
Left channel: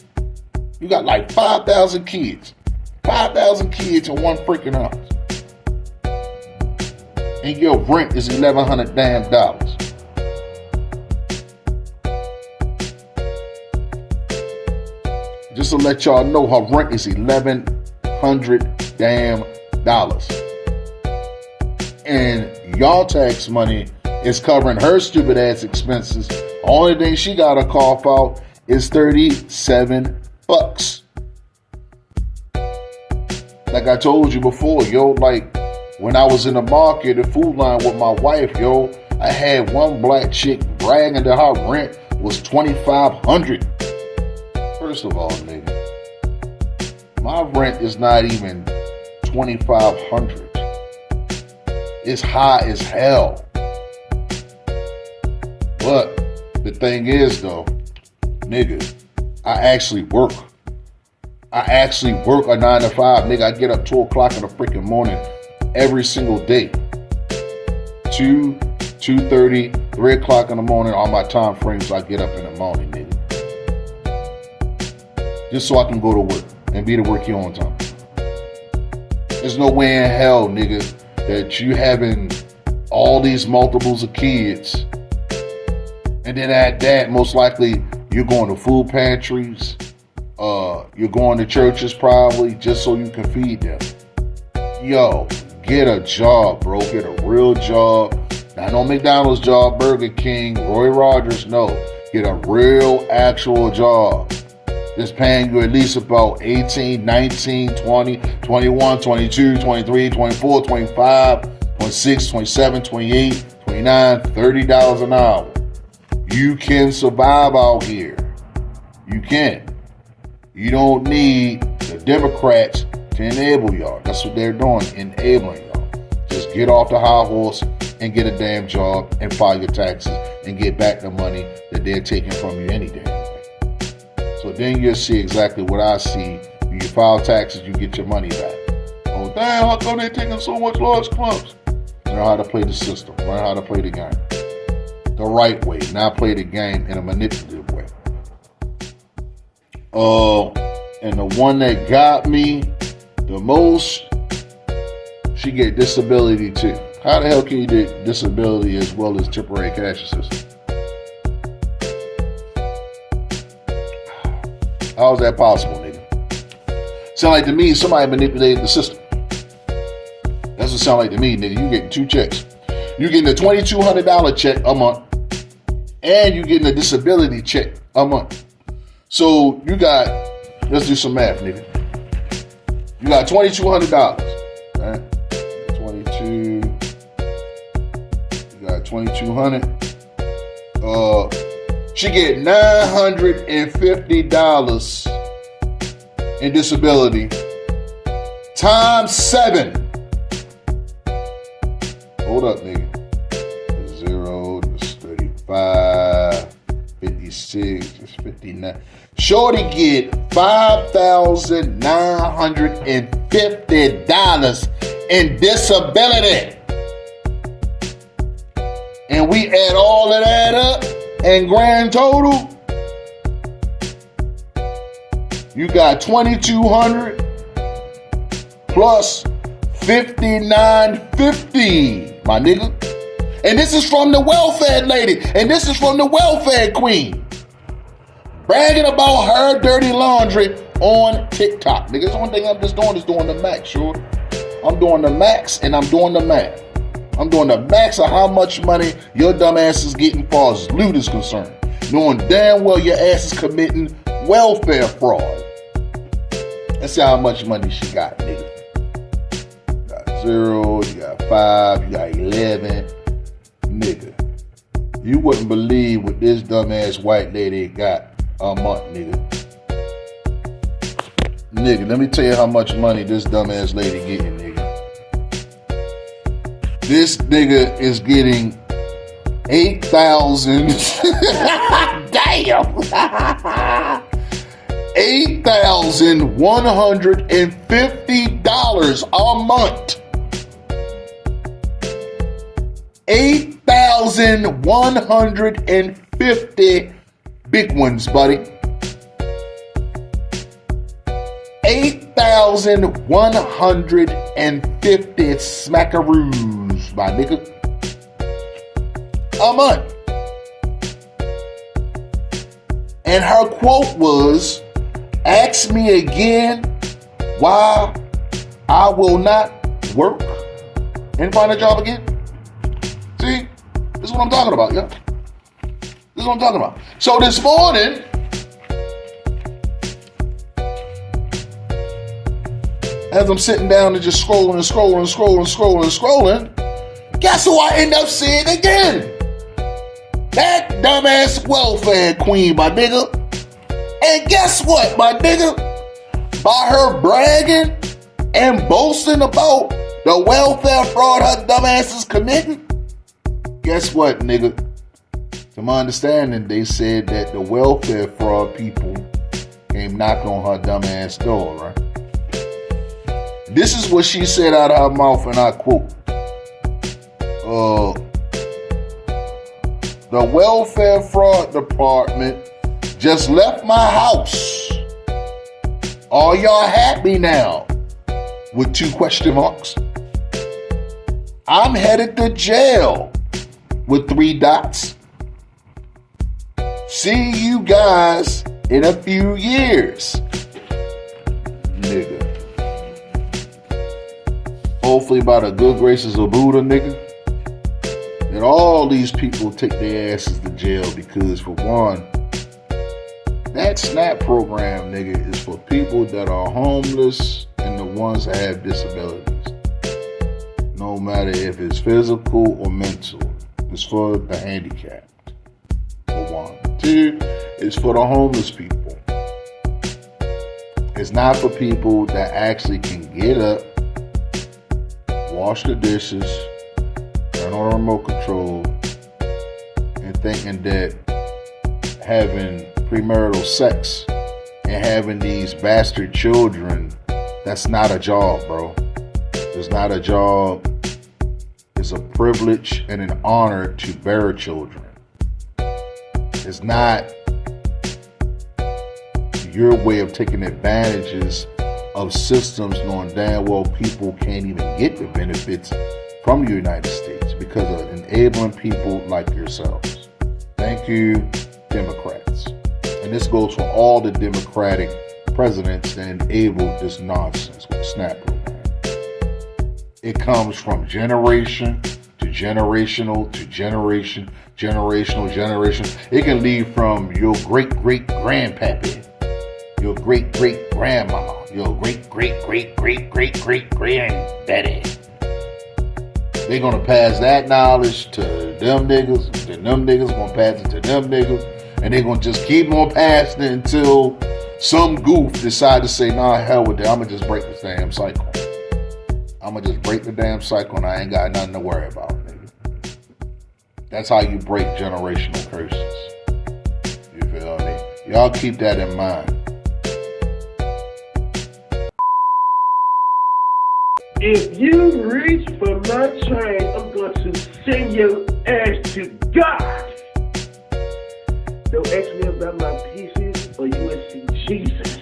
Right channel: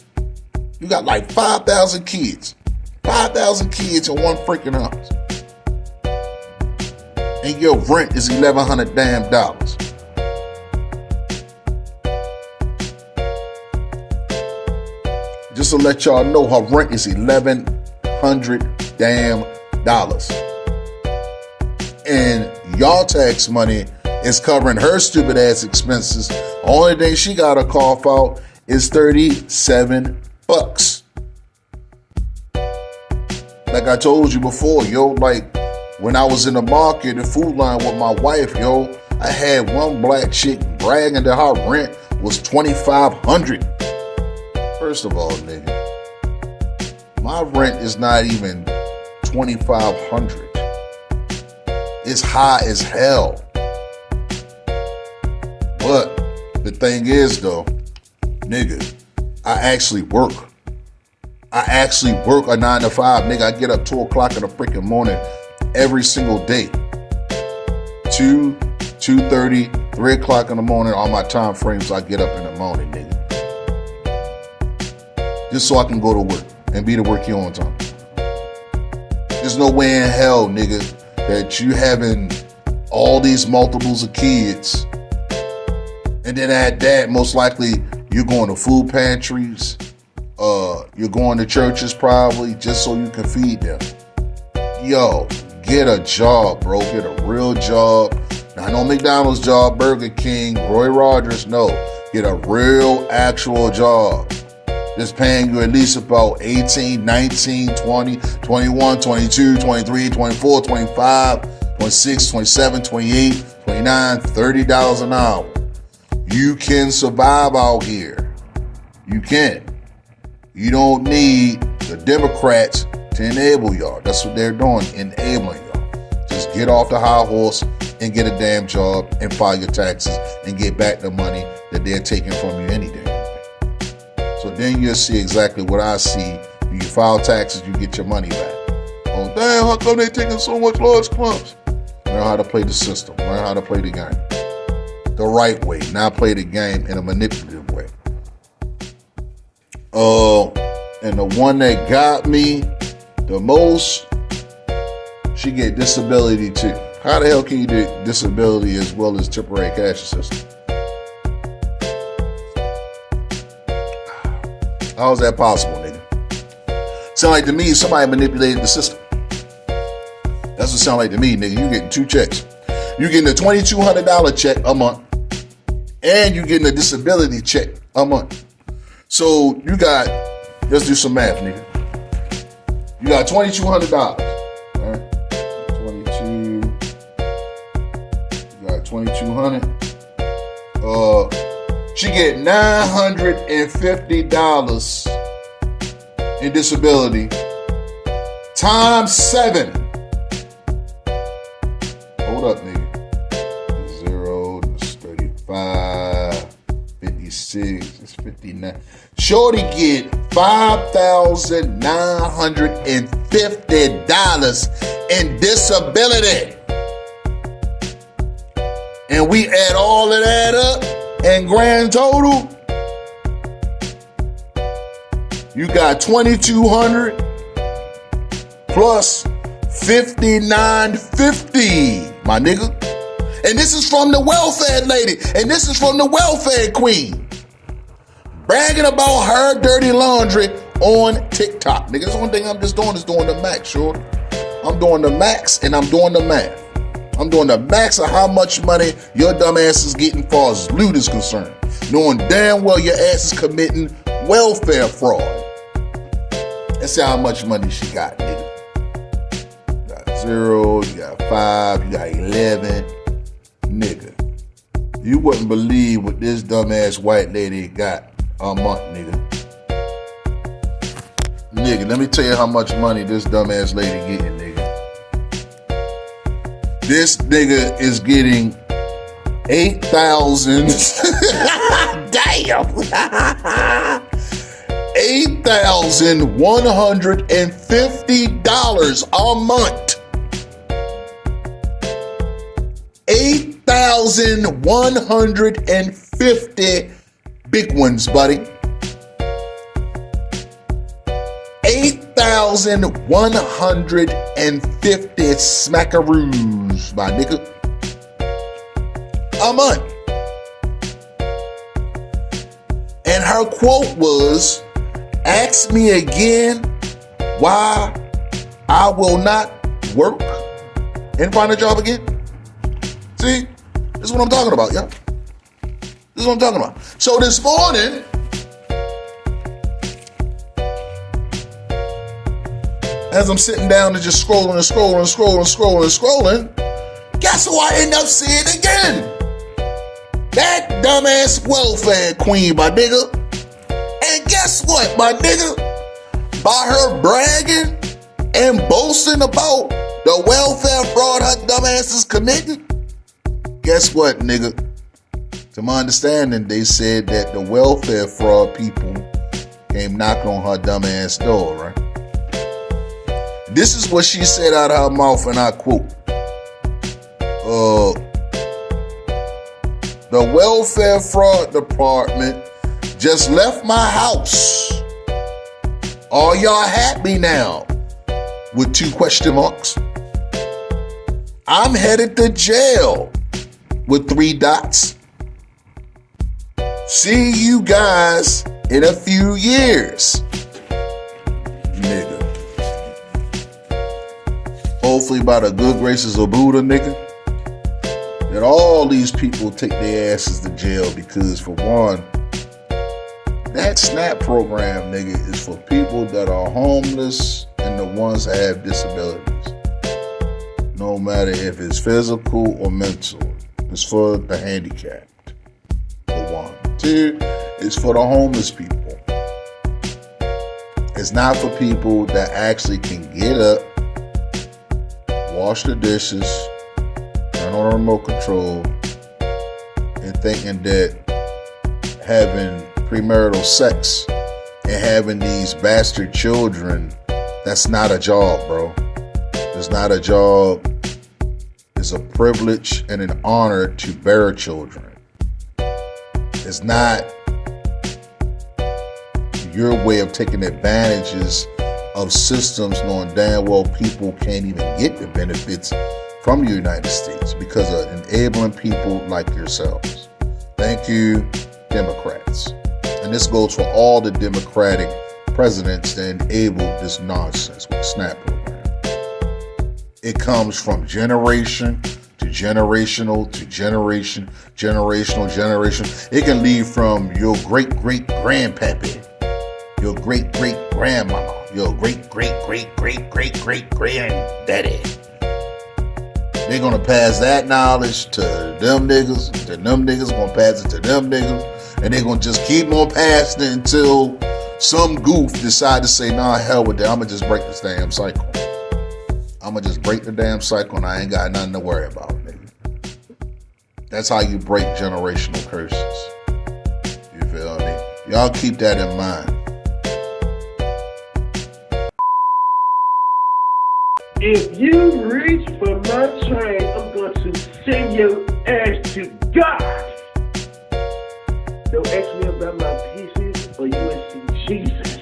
You got like 5,000 kids. 5,000 kids in one freaking house. And your rent is $1,100 damn dollars. Just to let y'all know, her rent is $1,100 damn dollars. And y'all tax money is covering her stupid ass expenses. Only thing she got to cough out is $37. Like I told you before, yo, like when I was in the market, the food line with my wife, yo, I had one black chick bragging that her rent was $2,500. First of all, nigga, my rent is not even $2,500. It's high as hell. But the thing is, though, nigga, I actually work. I actually work a 9 to 5. Nigga, I get up 2 o'clock in the freaking morning every single day. 2, 2:30, 3 o'clock in the morning, all my time frames I get up in the morning, nigga. Just so I can go to work and be to work here on time. There's no way in hell, nigga, that you having all these multiples of kids, and then at that, most likely you're going to food pantries, you're going to churches probably just so you can feed them. Yo, get a job, bro. Get a real job. Not no McDonald's job, Burger King, Roy Rogers. No, get a real actual job. Just paying you at least about 18, 19, 20, 21, 22, 23, 24, 25, 26, 27, 28, 29, $30 an hour. You can survive out here. You can. You don't need the Democrats to enable y'all. That's what they're doing, enabling y'all. Just get off the high horse and get a damn job and file your taxes and get back the money that they're taking from you any day. So then you'll see exactly what I see. When you file taxes, you get your money back. Oh, damn, how come they taking so much large clumps? Learn how to play the system. Learn how to play the game. The right way, not play the game in a manipulative way. And the one that got me the most, she get disability too. How the hell can you do disability as well as temporary cash assistance? How is that possible, nigga? Sound like to me somebody manipulated the system. That's what sound like to me, nigga. You getting 2 checks. You getting a $2,200 check a month, and you getting a disability check a month. So you got, let's do some math, nigga. You got $2,200, right? 22. You got 2,200. She get $950 in disability times 7. Hold up, nigga. 0, that's 35, 56, that's 59. Shorty get $5,950 in disability. And we add all of that up, and grand total, you got $2,200 plus $5,950, my nigga. And this is from the welfare lady, and this is from the welfare queen, bragging about her dirty laundry on TikTok. Nigga, the only thing I'm just doing is doing the max, sure. I'm doing the max and I'm doing the math. I'm doing the max of how much money your dumb ass is getting far as loot is concerned, knowing damn well your ass is committing welfare fraud. Let's see how much money she got, nigga. You got 0, you got 5, you got 11. Nigga, you wouldn't believe what this dumbass white lady got a month, nigga. Nigga, let me tell you how much money this dumbass lady getting, nigga. This nigga is getting 8,000. Damn. $8,150 a month. $8,150 big ones, buddy. 8,150 smackaroos, my nigga. A month. And her quote was, "Ask me again why I will not work and find a job again." See? This is what I'm talking about, yo. This is what I'm talking about. So this morning, as I'm sitting down and just scrolling, guess who I end up seeing again? That dumbass welfare queen, my nigga. And guess what, my nigga? By her bragging and boasting about the welfare fraud her dumbass is committing, guess what, nigga? To my understanding, they said that the welfare fraud people came knocking on her dumb ass door, right? This is what she said out of her mouth, and I quote, the welfare fraud department just left my house. Are y'all happy now? With 2 question marks. I'm headed to jail with 3 dots. See you guys in a few years. Nigga. Hopefully by the good graces of Buddha, nigga, that all these people take their asses to jail, because for one, that SNAP program, nigga, is for people that are homeless and the ones that have disabilities. No matter if it's physical or mental. It's for the handicapped, for one. 2, it's for the homeless people. It's not for people that actually can get up, wash the dishes, turn on a remote control, and thinking that having premarital sex and having these bastard children, that's not a job, bro. It's not a job. It's a privilege and an honor to bear children. It's not your way of taking advantages of systems knowing damn well people can't even get the benefits from the United States because of enabling people like yourselves. Thank you, Democrats. And this goes for all the Democratic presidents that enabled this nonsense with the SNAP program. It comes from generation to generational to generation. It can lead from your great-great-grandpappy, your great-great-grandmama, your great-great-great-great-great-great-granddaddy. They're going to pass that knowledge to them niggas, and them niggas going to pass it to them niggas, and they're going to just keep on passing it until some goof decide to say, nah, hell with that, I'm going to just break this damn cycle. I'm going to just break the damn cycle and I ain't got nothing to worry about, nigga. That's how you break generational curses. You feel me? Y'all keep that in mind. If you reach for my train, I'm going to send your ass to God. Don't ask me about my pieces or USC Jesus.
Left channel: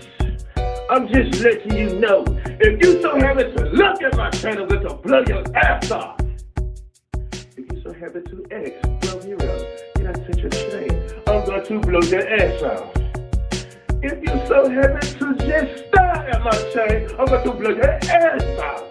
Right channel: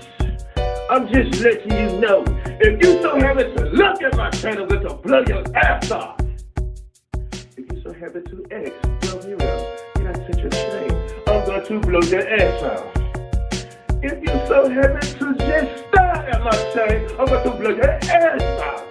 I'm just letting you know, if you so happen to look at my train, I'm going to blow your ass off. If you so happen to ask, bro, hero, did I touch your train? I'm going to blow your ass off. If you so happen to just stare at my train, I'm going to blow your ass off.